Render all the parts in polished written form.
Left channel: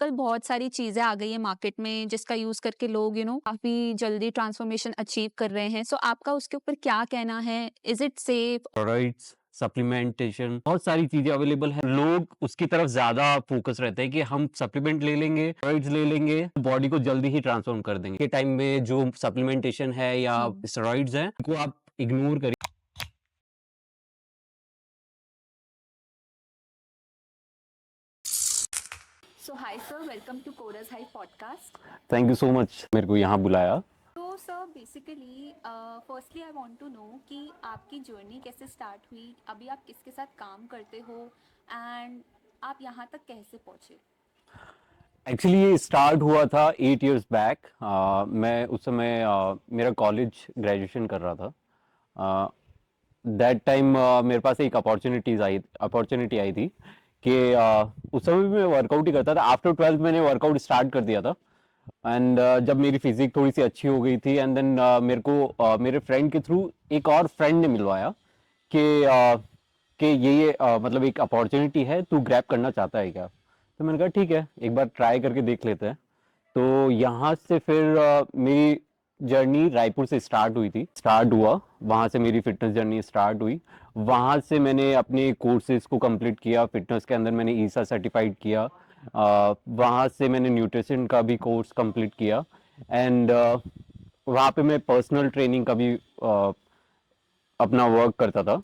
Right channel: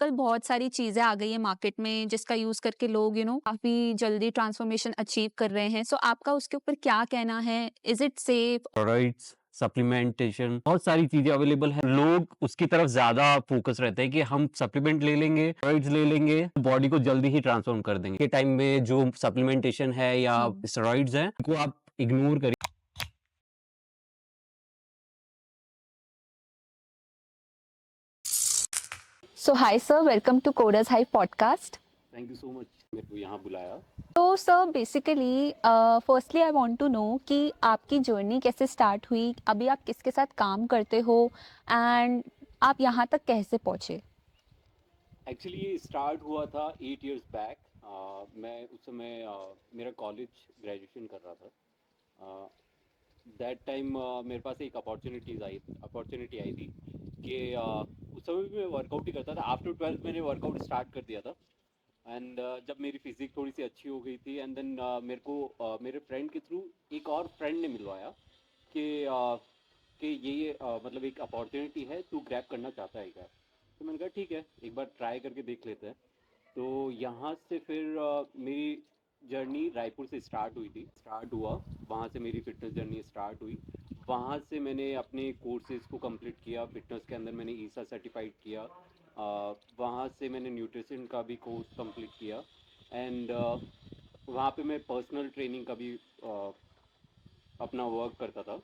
कल बहुत सारी चीज़ें आ गई हैं मार्केट में जिसका यूज़ करके लोग काफ़ी जल्दी ट्रांसफॉर्मेशन अचीव कर रहे हैं। सो आपका उसके ऊपर क्या कहना है? Is it safe? Steroids, supplementation बहुत सारी चीज़ें अवेलेबल हैं। लोग उसकी तरफ ज़्यादा फ़ोकस रहते हैं कि हम सप्लीमेंट ले लेंगे, स्टेरॉइड्स ले लेंगे, बॉडी को जल्दी ही ट्रांसफ़ॉर्म कर देंगे। के टाइम में जो सप्लीमेंटेशन है या हुँ। स्टेरॉइड्स हैं, उनको आप इग्नोर करिए। So hi sir, welcome to coders high podcast. Thank you so much मेरे को यहाँ बुलाया। तो sir basically firstly I want to know कि आपकी जर्नी कैसे स्टार्ट हुई? अभी आप किसके साथ काम करते हो एंड आप यहाँ तक कैसे पहुँचे? एक्चुअली ये स्टार्ट हुआ था 8 इयर्स बैक। मैं उस समय मेरा कॉलेज ग्रेजुएशन कर रहा था। दैट टाइम मेरे पास एक अपॉर्चुनिटी आई थी कि उस समय भी मैं वर्कआउट ही करता था। आफ्टर 12th मैंने वर्कआउट स्टार्ट कर दिया था। एंड जब मेरी फिजिक थोड़ी सी अच्छी हो गई थी, एंड देन मेरे को मेरे फ्रेंड के थ्रू एक और फ्रेंड ने मिलवाया कि मतलब एक अपॉर्चुनिटी है, तू ग्रैब करना चाहता है क्या? तो मैंने कहा ठीक है, एक बार ट्राई करके देख लेते हैं। तो यहाँ से फिर मेरी जर्नी रायपुर से स्टार्ट हुआ। वहाँ से मेरी फिटनेस जर्नी स्टार्ट हुई। वहाँ से मैंने अपने कोर्सेज को कंप्लीट किया। फिटनेस के अंदर मैंने ईसा सर्टिफाइड किया। वहाँ से मैंने न्यूट्रिशन का भी कोर्स कंप्लीट किया। एंड वहाँ पे मैं पर्सनल ट्रेनिंग का भी अपना वर्क करता था।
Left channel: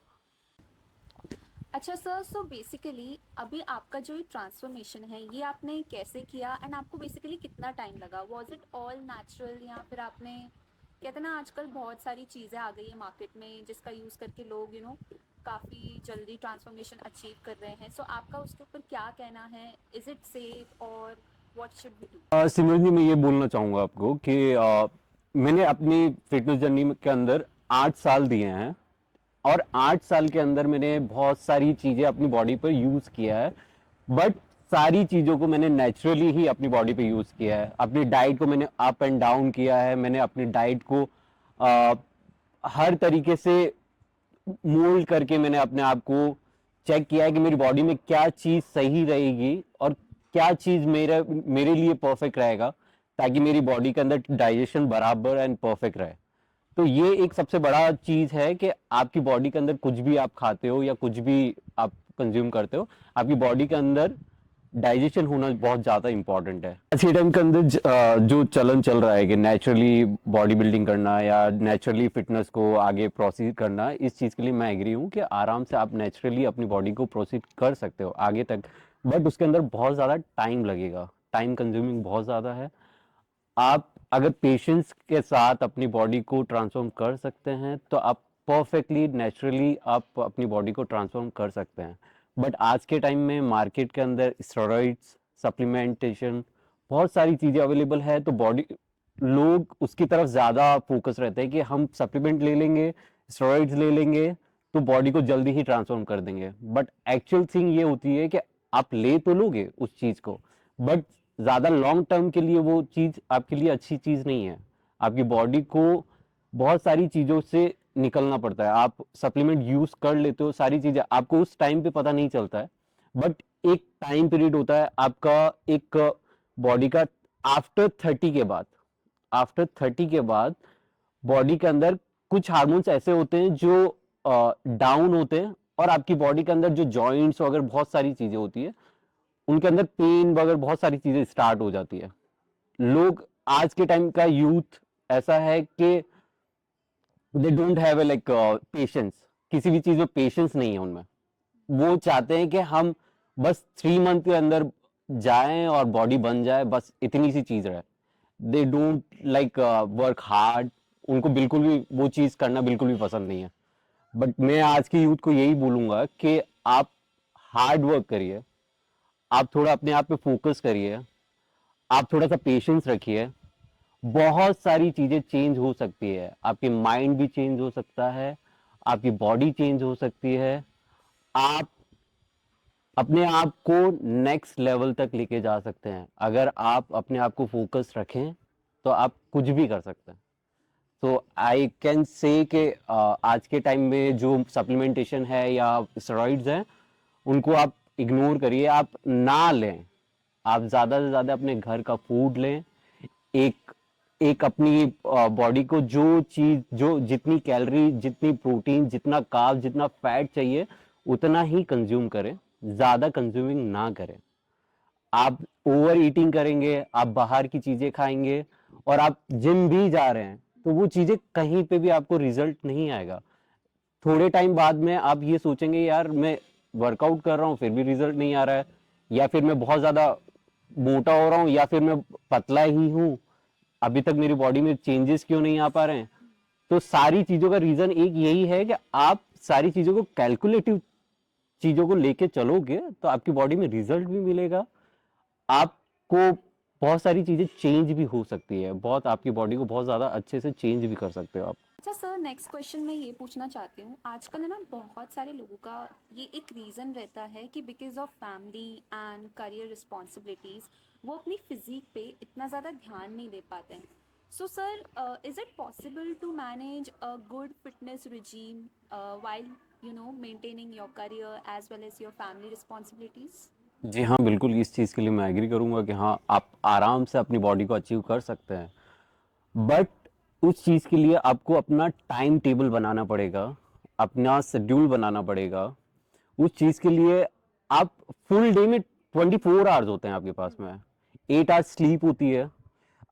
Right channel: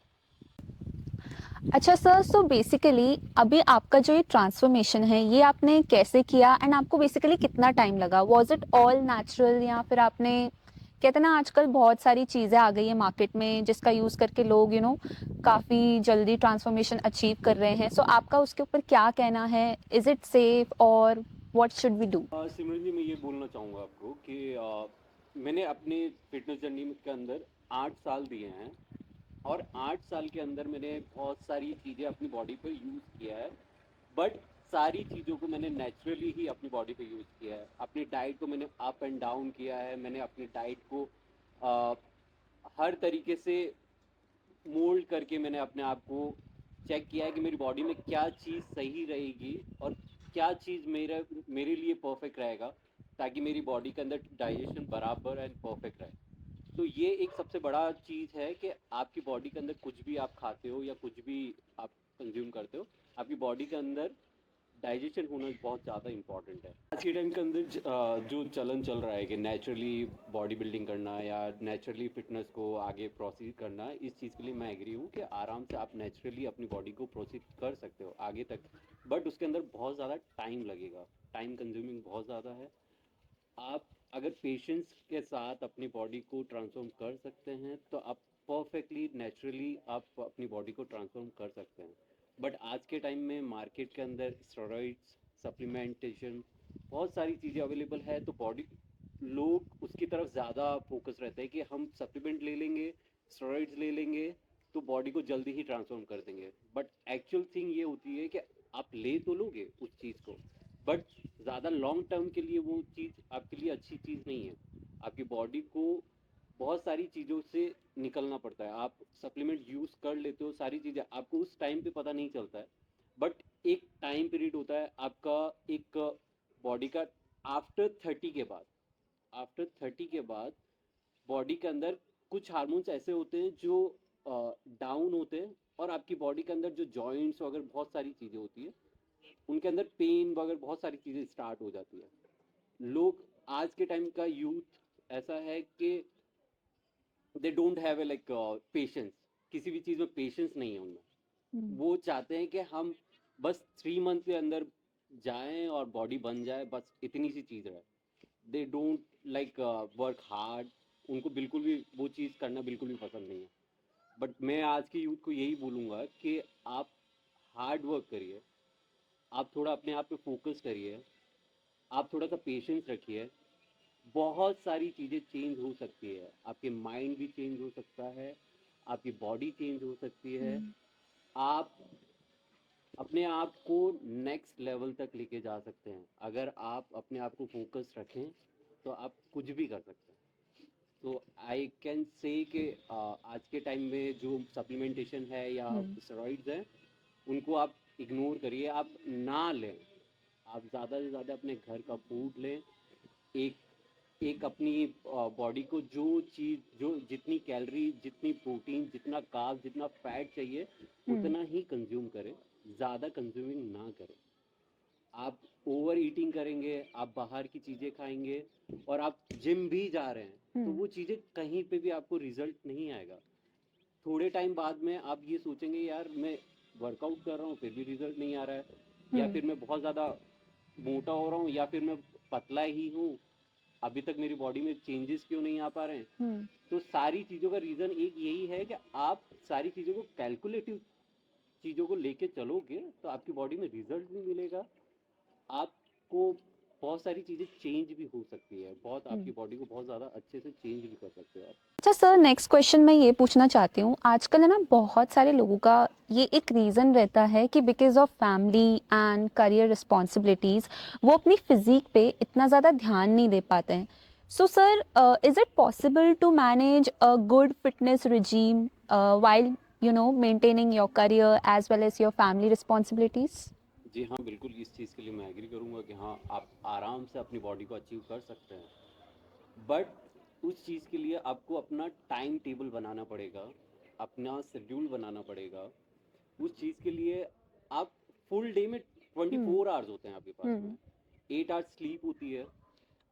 अच्छा सर, सो बेसिकली अभी आपका जो ये ट्रांसफॉर्मेशन है ये आपने कैसे किया एंड आपको बेसिकली कितना टाइम लगा? वाज इट ऑल नेचुरल या फिर आपने, कहते हैं ना आजकल बहुत सारी चीज़ें आ गई हैं मार्केट में जिसका यूज़ करके लोग काफ़ी जल्दी ट्रांसफॉर्मेशन अचीव कर रहे हैं। सो आपका उसके ऊपर क्या कहना है? इज़ इट सेफ और व्हाट शुड वी डू? सिमरन जी, मैं ये बोलना चाहूँगा आपको कि मैंने अपनी फिटनेस जर्नी के अंदर 8 साल दिए हैं। और 8 साल के अंदर मैंने बहुत सारी चीज़ें अपनी बॉडी पर यूज़ किया है। बट सारी चीज़ों को मैंने नेचुरली ही अपनी बॉडी पे यूज़ किया है। अपनी डाइट को मैंने अप एंड डाउन किया है। मैंने अपनी डाइट को अ, हर तरीके से मोल्ड करके मैंने अपने आप को चेक किया है कि मेरी बॉडी में क्या चीज़ सही रहेगी और क्या चीज़ मेरे लिए परफेक्ट रहेगा, ताकि मेरी बॉडी के अंदर डाइजेशन बराबर एंड परफेक्ट रहे। तो ये एक सबसे बड़ा चीज़ है कि आपकी बॉडी के अंदर कुछ भी आप खाते हो या कुछ भी आप कंज्यूम करते हो, आपकी बॉडी के अंदर डाइजेशन होना बहुत ज़्यादा इंपॉर्टेंट है। आज के टाइम के अंदर जो चलन चल रहा है कि नेचुरली बॉडी बिल्डिंग करना या नेचुरली फिटनेस को आगे प्रोसीड करना, इस चीज़ के लिए मैं एग्री हूँ कि आराम से आप नेचुरली अपनी बॉडी को प्रोसीड कर सकते हो आगे तक। बट उसके अंदर बहुत ज़्यादा टाइम लगेगा, टाइम कंज्यूमिंग बहुत ज़्यादा है। आप अगर पेशेंस के साथ अपनी बॉडी को ट्रांसफॉर्म कर सकते हैं तो आप परफेक्टली नेचुरली आप अपनी बॉडी को ट्रांसफॉर्म कर सकते हैं। बट आज के टाइम में मार्केट के अंदर स्टेरॉइड्स, सप्लीमेंटेशन बहुत सारी चीज़ें अवेलेबल है, तो बॉडी लोग उसकी तरफ ज़्यादा फोकस रहते हैं कि हम सप्लीमेंट ले लेंगे, स्टेरॉइड्स ले लेंगे, तो बॉडी को जल्दी ही ट्रांसफॉर्म कर देंगे। बट एक्चुअल थिंग ये होती है कि आप ले तो लोगे उस चीज़ को, बट ज्यादा लॉन्ग टर्म के लिए वो चीज आपके लिए अच्छी चीज नहीं है। आपकी बॉडी को बहुत सारी चीजों से निकलना पड़ता है। आप सप्लीमेंट यूज कर लेते हो, सारी चीजें आपको उस टाइम पे पता नहीं चलता है। बट एक टाइम पीरियड होता है आपका, एक बॉडी का, आफ्टर 30 के बाद। आफ्टर 30 के बाद बॉडी के अंदर कुछ हार्मोन्स ऐसे होते हैं जो डाउन होते हैं, और आपकी बॉडी के अंदर जो जॉइंट्स वगैरह बहुत सारी चीजें होती है, उनके अंदर पेन वगैरह बहुत सारी चीजें स्टार्ट हो जाती है। लोग, आज के टाइम का यूथ ऐसा है कि they don't have like patience. किसी भी चीज में पेशेंस नहीं है उनमें। वो चाहते हैं कि हम बस 3 मंथ के अंदर जाएं और बॉडी बन जाए, बस इतनी सी चीज रहे। They don't like work hard. उनको बिल्कुल भी वो चीज करना बिल्कुल भी पसंद नहीं है। बट मैं आज की यूथ को यही बोलूंगा कि आप हार्ड वर्क करिए, आप थोड़ा अपने आप पे फोकस करिए, आप थोड़ा सा पेशेंस रखिए। बहुत सारी चीजें चेंज हो सकती है, आपके माइंड भी चेंज हो सकता है, आपकी बॉडी चेंज हो सकती है। आप अपने आप को नेक्स्ट लेवल तक लेके जा सकते हैं। अगर आप अपने आप को फोकस रखें तो आप कुछ भी कर सकते हैं। तो आई कैन से कि आज के टाइम में जो सप्लीमेंटेशन है या स्टेरॉइड्स हैं, उनको आप इग्नोर करिए, आप ना लें। आप ज्यादा से ज्यादा अपने घर का फूड लें। एक एक अपनी बॉडी को जो चीज, जो जितनी कैलोरी, जितनी प्रोटीन, जितना कार्ब, जितना फैट चाहिए उतना ही कंज्यूम करें, ज्यादा कंज्यूमिंग ना करें। आप ओवर ईटिंग करेंगे, आप बाहर की चीजें खाएंगे और आप जिम भी जा रहे हैं तो वो चीजें कहीं पे भी आपको रिजल्ट नहीं आएगा। थोड़े टाइम बाद में आप ये सोचेंगे यार मैं वर्कआउट कर रहा हूँ फिर भी रिजल्ट नहीं आ रहा है, या फिर मैं बहुत ज्यादा मोटा हो रहा हूँ, या फिर मैं पतला ही हूँ, अभी तक मेरी बॉडी में चेंजेस क्यों नहीं आ पा रहे हैं। तो सारी चीजों का रीजन एक यही है कि आप सारी चीजों को कैलकुलेटिव चीजों को लेके चलोगे तो आपकी बॉडी में रिजल्ट भी मिलेगा। आपको बहुत सारी चीजें चेंज भी हो सकती है, बहुत आपकी बॉडी को बहुत ज्यादा अच्छे से चेंज भी कर सकते हो आप। अच्छा सर, नेक्स्ट क्वेश्चन मैं ये पूछना चाहती हूँ, आजकल है ना बहुत सारे लोगों का ये एक रीज़न रहता है कि because of family and career responsibilities वो अपनी फिजिक पे इतना ज़्यादा ध्यान नहीं दे पाते हैं। So sir, is it possible to manage a good fitness regime while maintaining your career as well as your family responsibilities? जी हाँ, बिल्कुल इस चीज़ के लिए मैं एग्री करूँगा कि हाँ, आप आराम से अपनी बॉडी को अचीव कर सकते हैं। बट उस चीज़ के लिए आपको अपना टाइम टेबल बनाना पड़ेगा, अपना शेड्यूल बनाना पड़ेगा। उस चीज़ के लिए आप फुल डे में 24 आवर्स होते हैं आपके पास में। 8 आवर्स स्लीप होती है।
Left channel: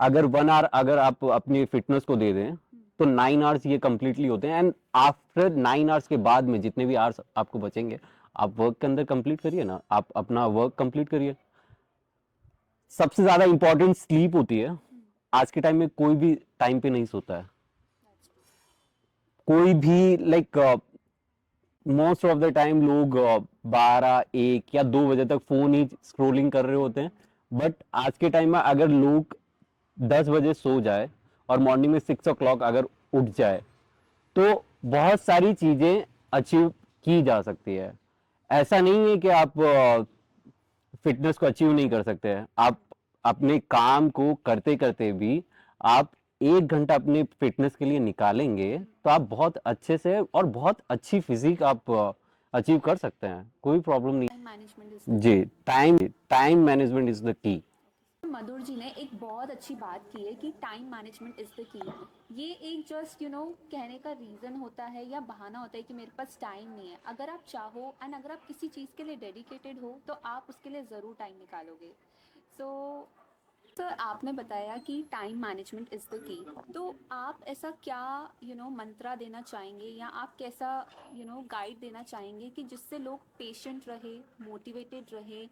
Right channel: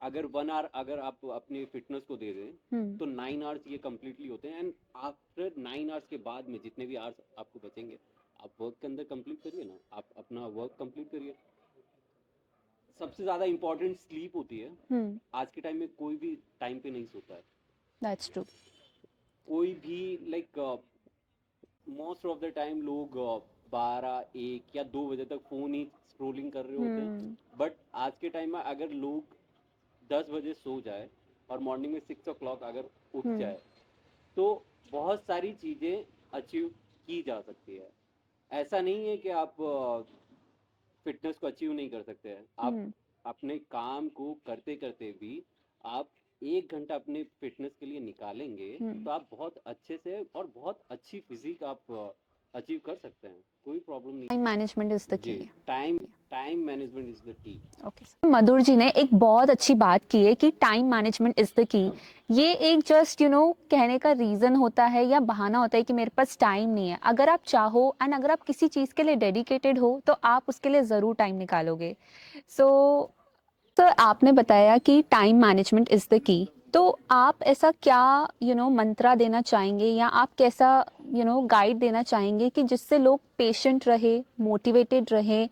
अगर 1 आवर अगर आप अपनी फिटनेस को दे दें तो 9 आवर्स ये कंप्लीटली होते हैं। एंड आफ्टर 9 आवर्स के बाद में जितने भी आवर्स आपको बचेंगे आप वर्क के अंदर कंप्लीट करिए ना, आप अपना वर्क कंप्लीट करिए। सबसे ज्यादा इंपॉर्टेंट स्लीप होती है। आज के टाइम में कोई भी टाइम पे नहीं सोता है। That's true. कोई भी like most of the time लोग 12, 1 या 2 बजे तक फोन ही स्क्रोलिंग कर रहे होते हैं। बट आज के टाइम में अगर लोग 10 बजे सो जाए और मॉर्निंग में 6 ओ क्लॉक अगर उठ जाए तो बहुत सारी चीजें अचीव की जा सकती है। ऐसा नहीं है कि आप फिटनेस को अचीव नहीं कर सकते हैं। आप अपने काम को करते करते भी आप 1 घंटा अपने फिटनेस के लिए निकालेंगे तो आप बहुत अच्छे से और बहुत अच्छी फिजिक आप अचीव कर सकते हैं, कोई प्रॉब्लम नहीं। टाइम मैनेजमेंट इज द जी, key. Time management is the key. Okay, Madhur ji ने एक बहुत अच्छी बात की है कि टाइम मैनेजमेंट इज द की। ये एक जस्ट कहने का रीजन होता है या बहाना होता है कि मेरे पास टाइम नहीं है। अगर आप चाहो एंड अगर आप किसी चीज के लिए डेडिकेटेड हो तो आप उसके लिए जरूर टाइम निकालोगे। सो सर, आपने बताया कि टाइम मैनेजमेंट इज द की। तो आप ऐसा क्या मंत्रा देना चाहेंगे या आप कैसा गाइड देना चाहेंगे कि जिससे लोग पेशेंट रहे, मोटिवेटेड रहे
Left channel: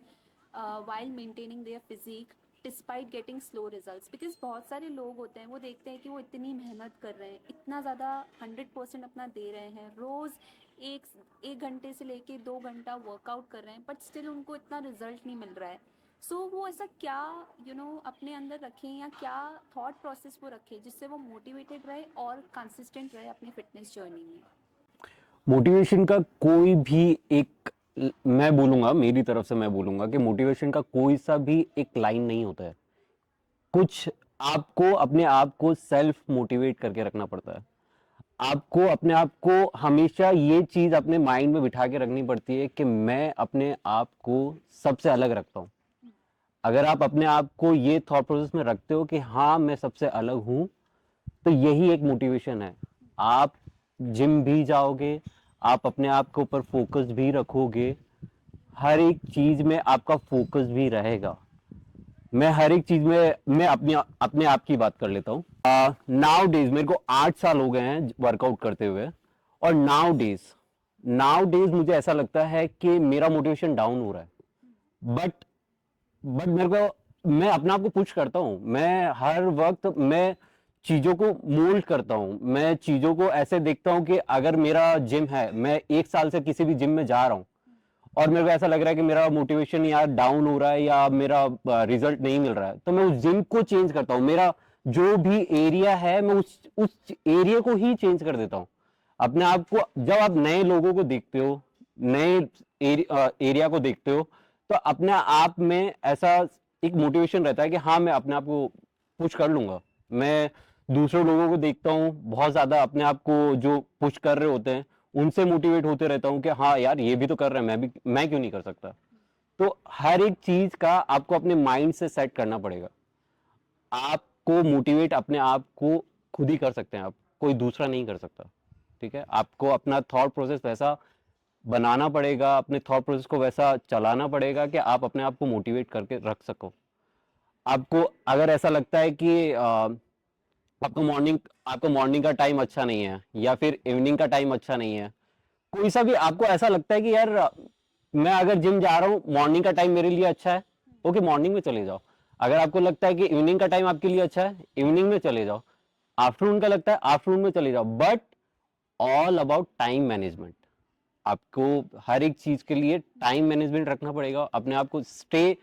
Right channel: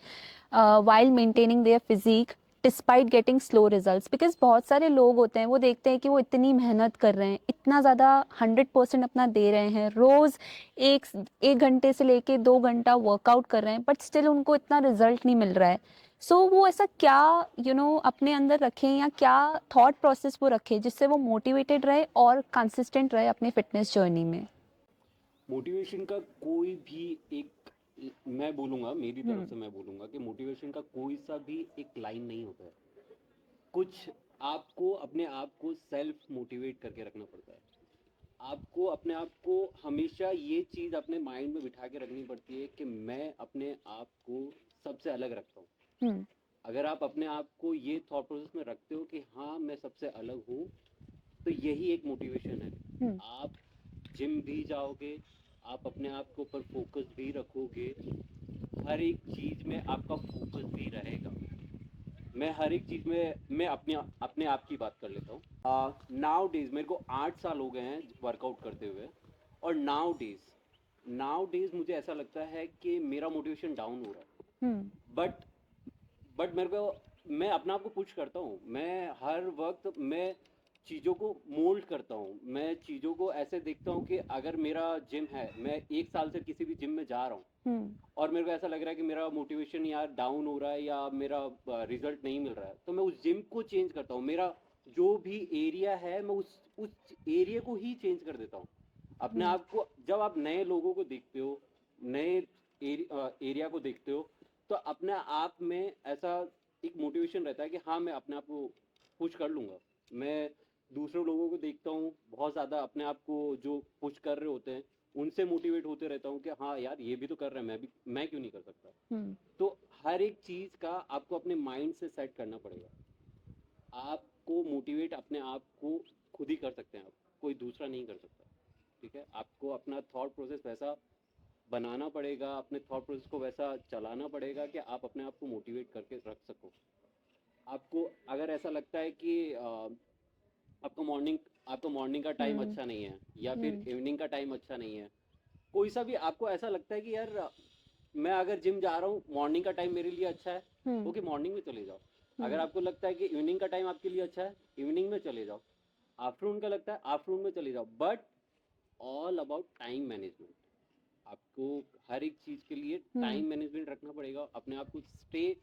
while maintaining their physique despite getting slow results? Because बहुत सारे लोग होते हैं वो देखते हैं कि वो इतनी मेहनत कर रहे हैं, इतना ज़्यादा 100% अपना दे रहे हैं, रोज़ एक एक घंटे से लेके 2 घंटा वर्कआउट कर रहे हैं, बट स्टिल उनको इतना रिजल्ट नहीं मिल रहा है। सो वो ऐसा क्या अपने अंदर रखें या क्या थॉट प्रोसेस वो रखें जिससे वो मोटिवेटेड रहे और कंसिस्टेंट रहे अपने फिटनेस जर्नी में? मोटिवेशन का कोई भी एक, मैं बोलूंगा मेरी तरफ से मैं बोलूंगा कि मोटिवेशन का कोई सा भी एक लाइन नहीं होता है। कुछ आपको अपने आप को सेल्फ मोटिवेट करके रखना पड़ता है। आपको अपने आप को हमेशा ये चीज अपने माइंड में बिठा के रखनी पड़ती है कि मैं अपने आप को सबसे अलग रखता हूँ। अगर आप अपने आप को ये थॉट प्रोसेस में रखते हो कि हाँ मैं सबसे अलग हूं, तो यही एक मोटिवेशन है। आप जिम भी जाओगे, आप अपने आप के ऊपर फोकस भी रखोगे, हर एक चीज में आपका फोकस भी रहेगा। मैं हर एक चीज में मैं अपने आप की बात कर लेता हूँ। नाउ डेज मेरे को 8 साल हो गए हैं वर्कआउट करते हुए, और नाउ डेज मुझे ऐसा लगता है कि मेरा मोटिवेशन डाउन हो रहा है। बट मेरे को, मैं अपने आप को पुश करता हूँ। मैं हर वक्त मैं चीजों को मोल्ड करता हूँ। मैं चीजों को ऐसे देखता हूँ कि अगर मेरा जिम है, मैं 1 साल से किसी भी जिम में जा रहा हूँ और मेरे को ऐसा लग रहा है कि मेरा मोटिवेशन यार डाउन हो रहा है या मेरा रिजल्ट नहीं मिल रहा है, तो मैं उस जिम को चेंज करता हूँ। मेरा जो भी एरिया है मैं उस एरिया को ही चेंज कर देता हूँ। अपने आप को, जब आप नए लोगों को देखते हो, नए एरिया को देखते हो, तो अपने आप में ऐसा एक मोटिवेशन रहता है कि हाँ मैं अपने आप को पुश कर लूंगा। मैं दूसरे लोगों को देखता हूँ बहुत ज्यादा अपने आप को जो पुश कर रहे होते हैं, उनसे मोटिवेट होते रहता हूँ कि हाँ यार ये भी तो कर रहे हैं, मैं क्यों नहीं कर सकता। तो हर एक चीज का आपको अपने माइंड से सेट करना पड़ेगा। आपको मोटिवेट अपने आप को खुद ही कर सकते हैं आप, कोई दूसरा नहीं कर सकता। ठीक है, आपको अपना थॉट प्रोसेस वैसा बनाना पड़ेगा, अपने थॉट प्रोसेस को वैसा चलाना पड़ेगा कि आप अपने आप को मोटिवेट करके रख सको। आपको अगर ऐसा लगता है कि आपको मॉर्निंग का टाइम हम्म अच्छा नहीं है या फिर हम्म इवनिंग का टाइम अच्छा नहीं है, कोई सा भी आपको ऐसा लगता है कि यार मैं अगर जिम जा रहा हूँ, मॉर्निंग का टाइम मेरे लिए अच्छा है, हम्म ओके मॉर्निंग में चले जाओ। अगर हम्म आपको लगता है कि इवनिंग का टाइम आपके लिए अच्छा है, इवनिंग में चले जाओ। आफ्टरनून का लगता है, आफ्टरनून में चले जाओ। But all about time management. आपको हर एक चीज के लिए टाइम हम्म। मैनेजमेंट रखना पड़ेगा, अपने आप को स्टे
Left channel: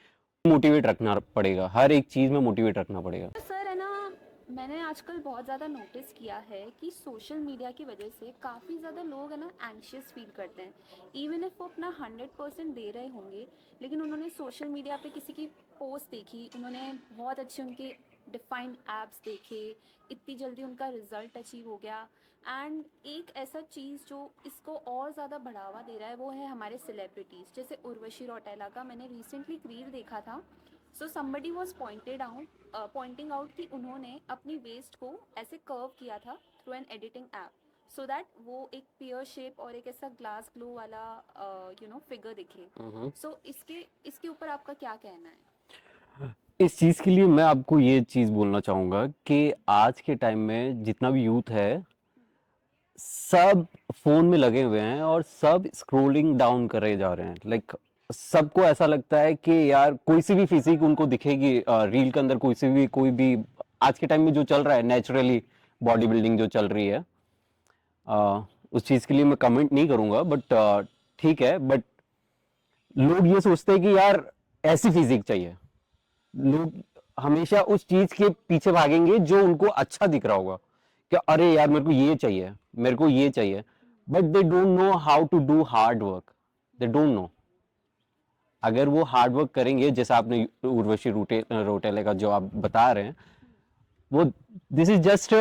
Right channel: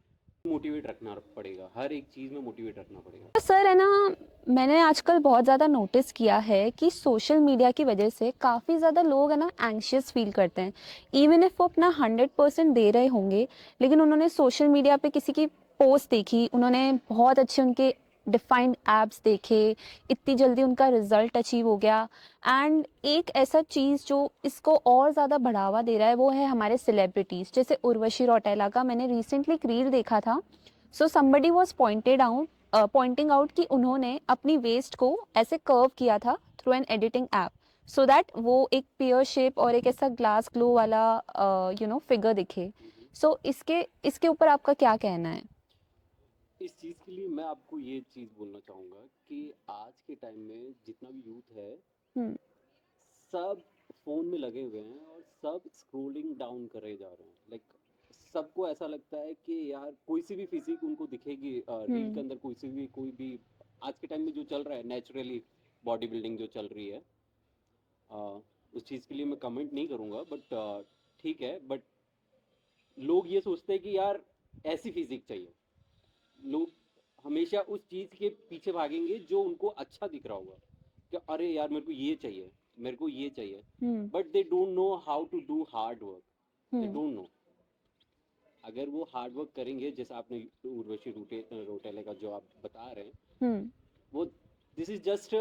मोटिवेट रखना पड़ेगा, हर एक चीज में मोटिवेट रखना पड़ेगा। तो सर है ना, मैंने आजकल बहुत ज़्यादा नोटिस किया है कि सोशल मीडिया की वजह से काफ़ी ज़्यादा लोग है ना एंग्शियस फील करते हैं। इवन इफ वो अपना 100% दे रहे होंगे, लेकिन उन्होंने सोशल मीडिया पे किसी की पोस्ट देखी, उन्होंने बहुत अच्छे उनके डिफाइंड एप्स देखे, इतनी जल्दी उनका रिजल्ट अचीव हो गया। एंड एक ऐसा चीज़ जो इसको और ज़्यादा बढ़ावा दे रहा है वो है हमारे सेलिब्रिटीज़, जैसे उर्वशी रौटेला का मैंने रिसेंटली एक रील देखा था। So somebody was pointing out कि उन्होंने अपनी वेस्ट को ऐसे कर्व किया था through an editing app, so that वो एक पियर शेप और एक ऐसा ग्लास ग्लो वाला फिगर दिखे। हम्म। सो इसके इसके ऊपर आपका क्या कहना है? इस चीज के लिए मैं आपको ये चीज बोलना चाहूंगा कि आज के टाइम में जितना भी यूथ है, हम्म सब फोन में लगे हुए हैं और सब स्क्रोलिंग डाउन करे जा रहे हैं। लाइक सबको ऐसा लगता है कि यार कोई सी भी फिजिक उनको दिखेगी रील के हम्म अंदर, कोई भी आज के टाइम में जो चल रहा है नेचुरली बॉडी बिल्डिंग जो चल रही है, उस चीज के लिए मैं कमेंट नहीं करूंगा। बट ठीक है, बट लोग ये सोचते हैं कि यार ऐसी फिजिक चाहिए। लोग हमेशा उस चीज के पीछे भागेंगे जो उनको अच्छा दिख रहा होगा, कि अरे यार मेरे को ये चाहिए, मेरे को ये चाहिए। Hmm but they don't know how to do hard work. They hmm don't know. अगर वो हार्ड वर्क करेंगे, जैसे आपने उर्वशी रोटेले का जो आप बता रहे हैं, हम्म वो this is just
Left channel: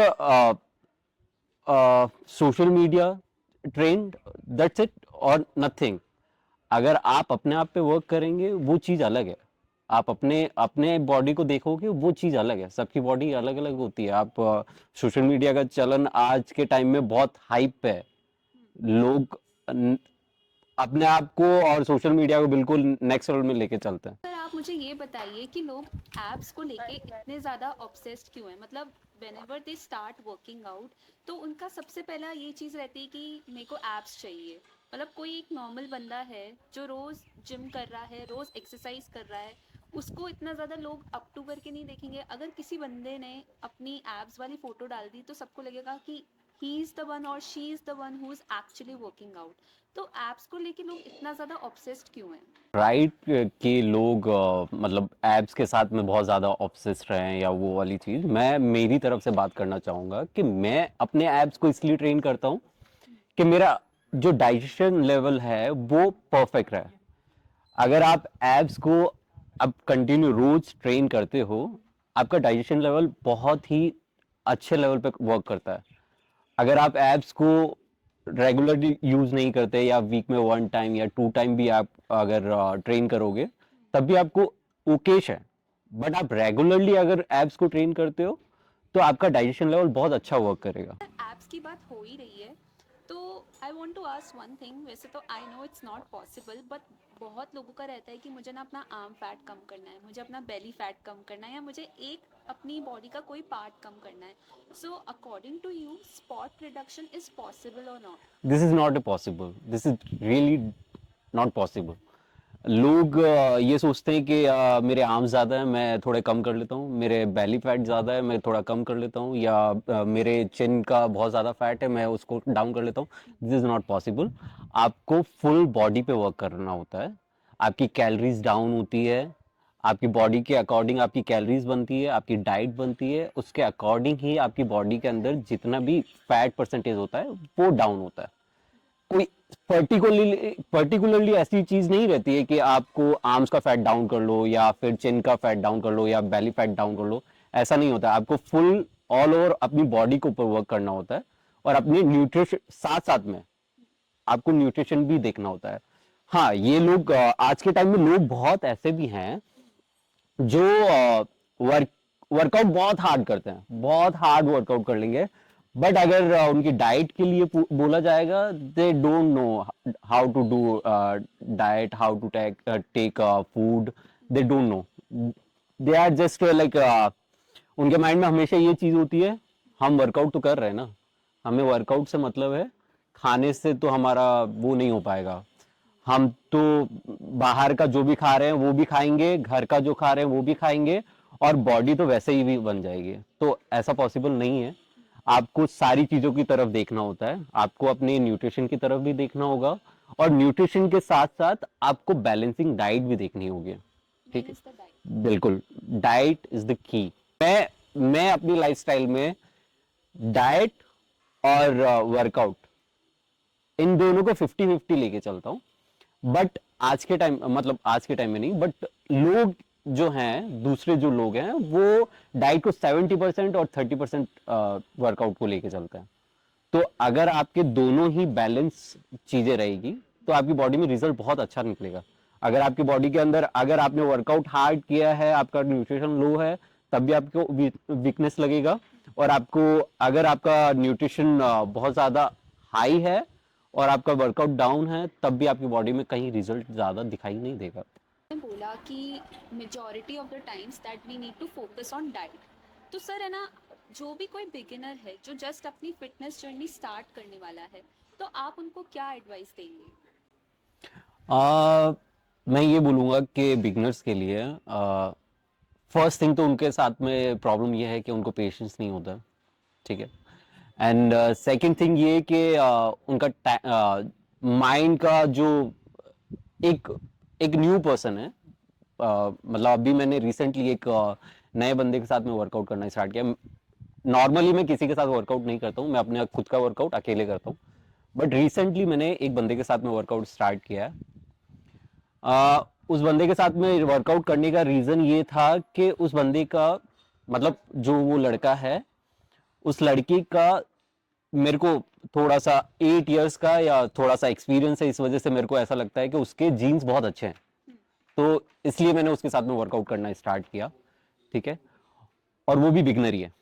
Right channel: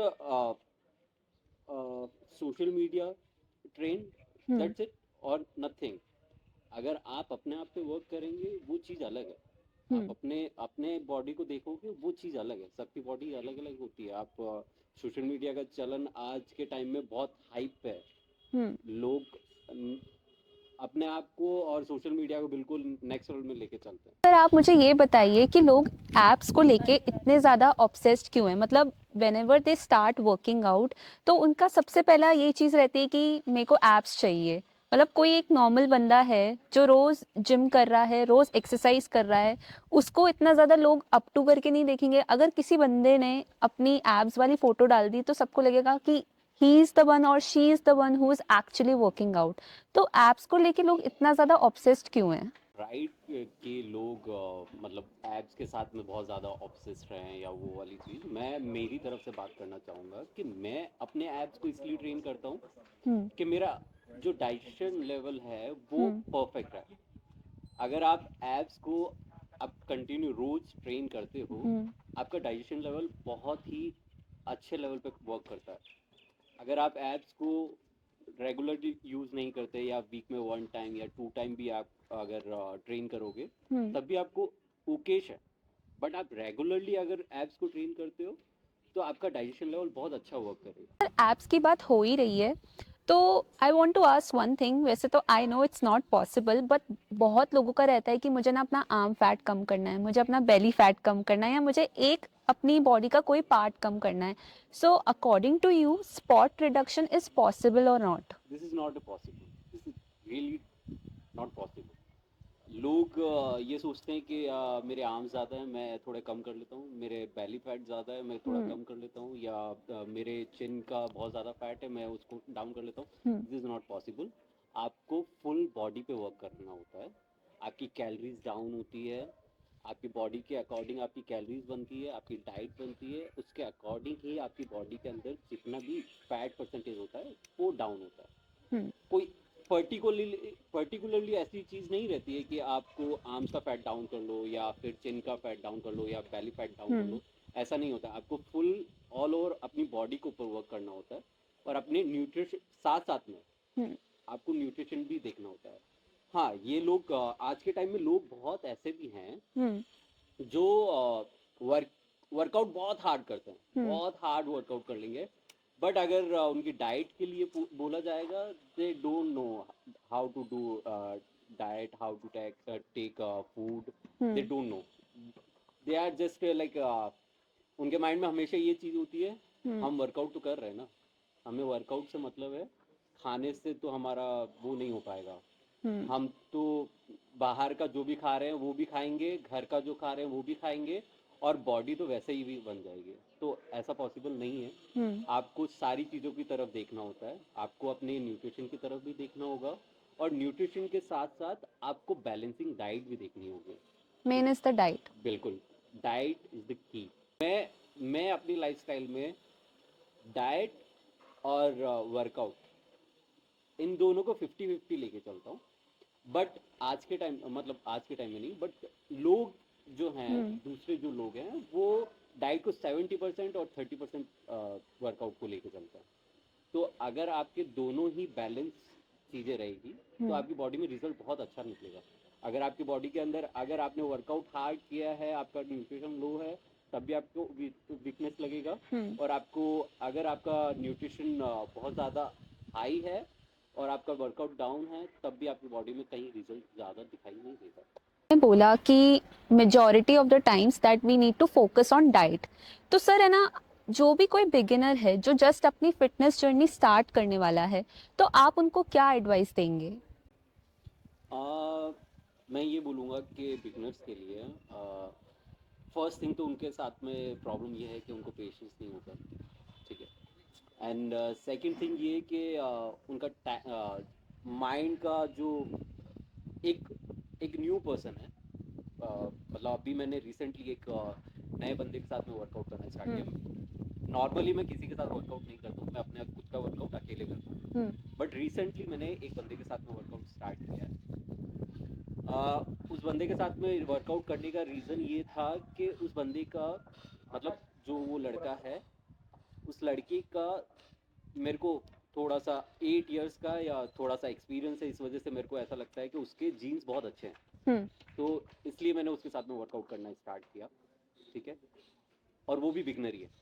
social media trend, hmm that's it और नथिंग। अगर आप अपने आप पे वर्क करेंगे वो चीज अलग है। आप हम्म अपने अपने बॉडी को देखोगे वो चीज अलग है। सबकी बॉडी अलग अलग होती है। आप सोशल मीडिया का चलन आज के टाइम में बहुत हाइप पे है। हम्म। लोग न- अपने आप को और सोशल मीडिया को बिल्कुल नेक्स्ट लेवल में लेके चलते हैं। सर आप मुझे ये बताइए कि लोग एप्स को लेके इतने ज़्यादा ऑब्सेस्ड क्यों हैं? मतलब when ever they start working out, तो उनका सबसे पहला ये चीज़ रहती है कि मेरे को एप्स चाहिए। मतलब कोई एक नॉर्मल बंदा है जो रोज़ जिम कर रहा है, रोज़ एक्सरसाइज कर रहा है, उसको इतना ज़्यादा लोग अप टू करके नहीं देखेंगे। अगर किसी बंदे ने अपनी एप्स वाली फ़ोटो डाल दी तो सबको लगेगा कि ही इज़ द वन और she is the one who is actually working out. तो एप्स को लेके लोग इतना ज़्यादा ऑब्सेस्ड क्यों हैं? राइट कि लोग मतलब एब्स के साथ में बहुत ज़्यादा ऑब्सेस्ड रहे हैं या वो वाली चीज़, मैं मेरी तरफ से बात करना चाहूँगा कि मैं अपने एब्स को इसलिए ट्रेन करता हूँ हुँ, कि मेरा जो डाइजेशन लेवल है वो हुँ, परफेक्ट रहे। अगर आप एब्स को अब कंटिन्यू रोज ट्रेन करते हो, हुँ, आपका डाइजेशन लेवल बहुत ही अच्छे लेवल पे वर्क करता है। अगर आप एब्स को रेगुलरली यूज नहीं करते या वीक में 1 टाइम या 2 टाइम भी आप अगर ट्रेन करोगे, हुँ। तब भी आपको ओकेश है। बट आप रेगुलरली अगर एब्स को ट्रेन करते हो तो आपका डाइजेशन लेवल बहुत अच्छा वर्क करेगा। ऐप्स की बात हो ही रही है, तो I want to ask one thing. वैसे तो I know it's not possible, but बहुत लोगों का रहता है कि मुझे ना अपना आर्म फैट कम करना है, मुझे अपना बेली फैट कम करना है, या मुझे एक अपनी बॉडी का कोई पार्ट कम करना है। So according to you, spot reduction is possible और not? This is not a possible, this is really not possible. लोग ये सोचते हैं कि मेरे आर्म्स ज़्यादा है, मैं थोड़े कम कर लेता हूँ, मेरे बेली फैट ज़्यादा है, मैं थोड़ा हम्म कम कर लेता हूँ, या मेरे चिन का बहुत ज़्यादा फैट है, मैं उसको डाउन कर लेता हूँ। हम्म दिस इज़ नॉट पॉसिबल। आपको फुल बॉडी पे वर्क करना होता है। आपकी कैलोरीज डाउन होती है, आपकी बॉडी के अकॉर्डिंग आपकी कैलोरीज बनती है, आपकी डाइट बनती है, उसके अकॉर्डिंग ही आपकी बॉडी के अंदर जितना भी फैट परसेंटेज होता है वो डाउन होता है। हम्म कोई पर्टिकुलरली ऐसी चीज नहीं रहती है कि आपको आर्म्स का फैट डाउन कर लो या फिर चिन का फैट डाउन कर लो या बेली फैट डाउन कर हम्म लो। ऐसा नहीं होता है। आपको फुल ऑल ओवर अपनी बॉडी के ऊपर वर्क करना होता है और अपने न्यूट्रिशन साथ साथ में हम्म आपको न्यूट्रिशन भी देखना होता है। हाँ, ये लोग आज के टाइम में लोग बहुत ऐसे भी हैं जो वर्कआउट बहुत हार्ड करते हैं, बहुत हार्ड वर्कआउट कर लेंगे, बट अगर उनकी डाइट के लिए बोला जाएगा, they don't know how to do diet, how to take food, they don't know, they are just like, उनके माइंड में हमेशा ये चीज होती है, हम वर्कआउट तो कर रहे हैं ना, हमें वर्कआउट से मतलब है, खाने से तो हमारा वो नहीं हो पाएगा, हम तो बाहर का जो भी खा रहे हैं वो भी खाएंगे, घर का जो खा रहे हैं वो भी खाएंगे, और बॉडी तो वैसे ही भी बन जाएगी, तो ऐसा पॉसिबल नहीं है। आपको सारी चीजों की तरफ देखना होता है, आपको अपने न्यूट्रिशन की तरफ भी देखना होगा, और न्यूट्रिशन के साथ साथ आपको बैलेंसिंग डाइट भी देखनी होगी। Main is the diet. बिल्कुल, डाइट इज द की। मैं अपनी लाइफस्टाइल में डाइट और वर्कआउट इन दोनों को 50-50 लेके चलता हूँ, बट आज के टाइम, मतलब आज के टाइम में नहीं, बट लोग जो हैं, दूसरे जो लोग हैं, वो डाइट को 70% और 30% वर्कआउट को लेके चलते हैं। तो अगर आपके दोनों ही बैलेंस चीजें रहेगी, तो आपकी बॉडी में रिजल्ट बहुत अच्छा निकलेगा। अगर आपकी बॉडी के अंदर, अगर आपने वर्कआउट हार्ड किया है, आपका न्यूट्रिशन लो है, तब भी आपको वीकनेस लगेगा, और आपको, अगर आपका न्यूट्रिशन बहुत ज्यादा हाई है और आपका वर्कआउट डाउन है, तब भी आपकी बॉडी में कहीं रिजल्ट ज्यादा दिखाई नहीं देगा। ने बोला कि majority of the times that we need to focus on diet, तो सर है ना, जो भी कोई बिगिनर है जो जस्ट अपनी फिटनेस जर्नी स्टार्ट करने वाला है, तो आप उनको क्या एडवाइस देंगे? मैं ये बोलूँगा कि बिगनर्स के लिए फर्स्ट थिंग तो उनके साथ में प्रॉब्लम ये है कि उनको पेशेंस नहीं होता, ठीक है, एंड सेकंड थिंग ये कि उनका माइंड का जो एक एक न्यू पर्सन है, मतलब अभी मैंने रिसेंटली एक नए बंदे के साथ में वर्कआउट करना स्टार्ट किया। नॉर्मली मैं किसी के साथ वर्कआउट नहीं करता हूँ, मैं अपने खुद का वर्कआउट अकेले करता हूँ, बट रिसेंटली मैंने एक बंदे के साथ में वर्कआउट स्टार्ट किया है। उस बंदे के साथ में वर्कआउट करने का रीजन ये था कि उस बंदे का, मतलब जो वो लड़का है, उस लड़की का मेरे को थोड़ा सा 8 इयर्स का या थोड़ा सा एक्सपीरियंस है, इस वजह से मेरे को ऐसा लगता है कि उसके जीन्स बहुत अच्छे हैं, तो इसलिए मैंने उसके साथ में वर्कआउट करना स्टार्ट किया, ठीक है, और वो भी बिगनर ही है।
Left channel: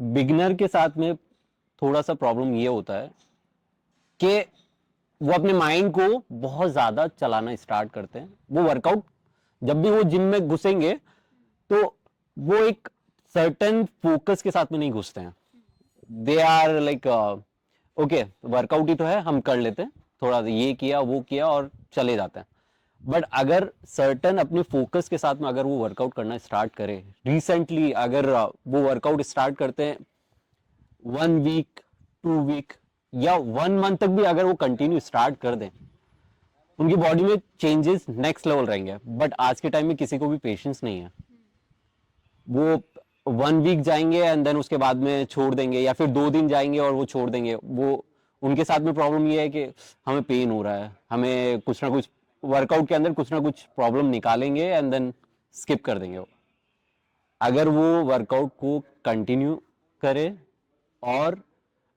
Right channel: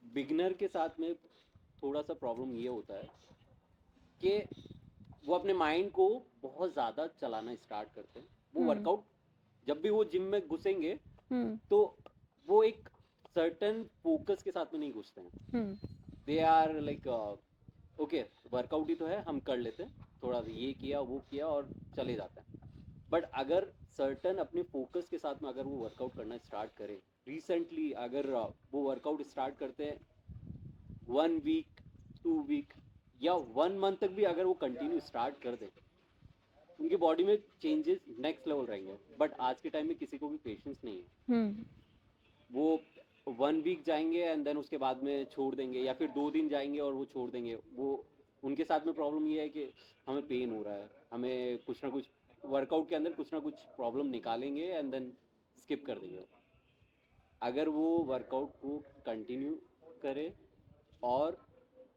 बिगनर के साथ में थोड़ा सा प्रॉब्लम ये होता है कि वो अपने माइंड को बहुत ज्यादा चलाना स्टार्ट करते हैं। वो वर्कआउट, जब भी वो जिम में घुसेंगे, तो वो एक सर्टेन फोकस के साथ में नहीं घुसते हैं। They are like, okay workout ही तो है, हम कर लेते हैं, थोड़ा ये किया वो किया और चले जाते हैं। बट अगर सर्टन अपने फोकस के साथ में अगर वो वर्कआउट करना स्टार्ट करे, रिसेंटली अगर वो वर्कआउट स्टार्ट करते हैं 1 वीक, 2 वीक या 1 मंथ तक भी अगर वो कंटिन्यू स्टार्ट कर दें, उनकी बॉडी में चेंजेस नेक्स्ट लेवल रहेंगे। बट आज के टाइम में किसी को भी पेशेंस नहीं है, वो 1 वीक जाएंगे एंड देन उसके बाद में छोड़ देंगे, या फिर 2 दिन जाएंगे और वो छोड़ देंगे। वो, उनके साथ में प्रॉब्लम ये है कि हमें पेन हो रहा है, हमें कुछ ना कुछ वर्कआउट के अंदर कुछ ना कुछ प्रॉब्लम निकालेंगे एंड देन स्किप कर देंगे। अगर वो वर्कआउट को कंटिन्यू करे और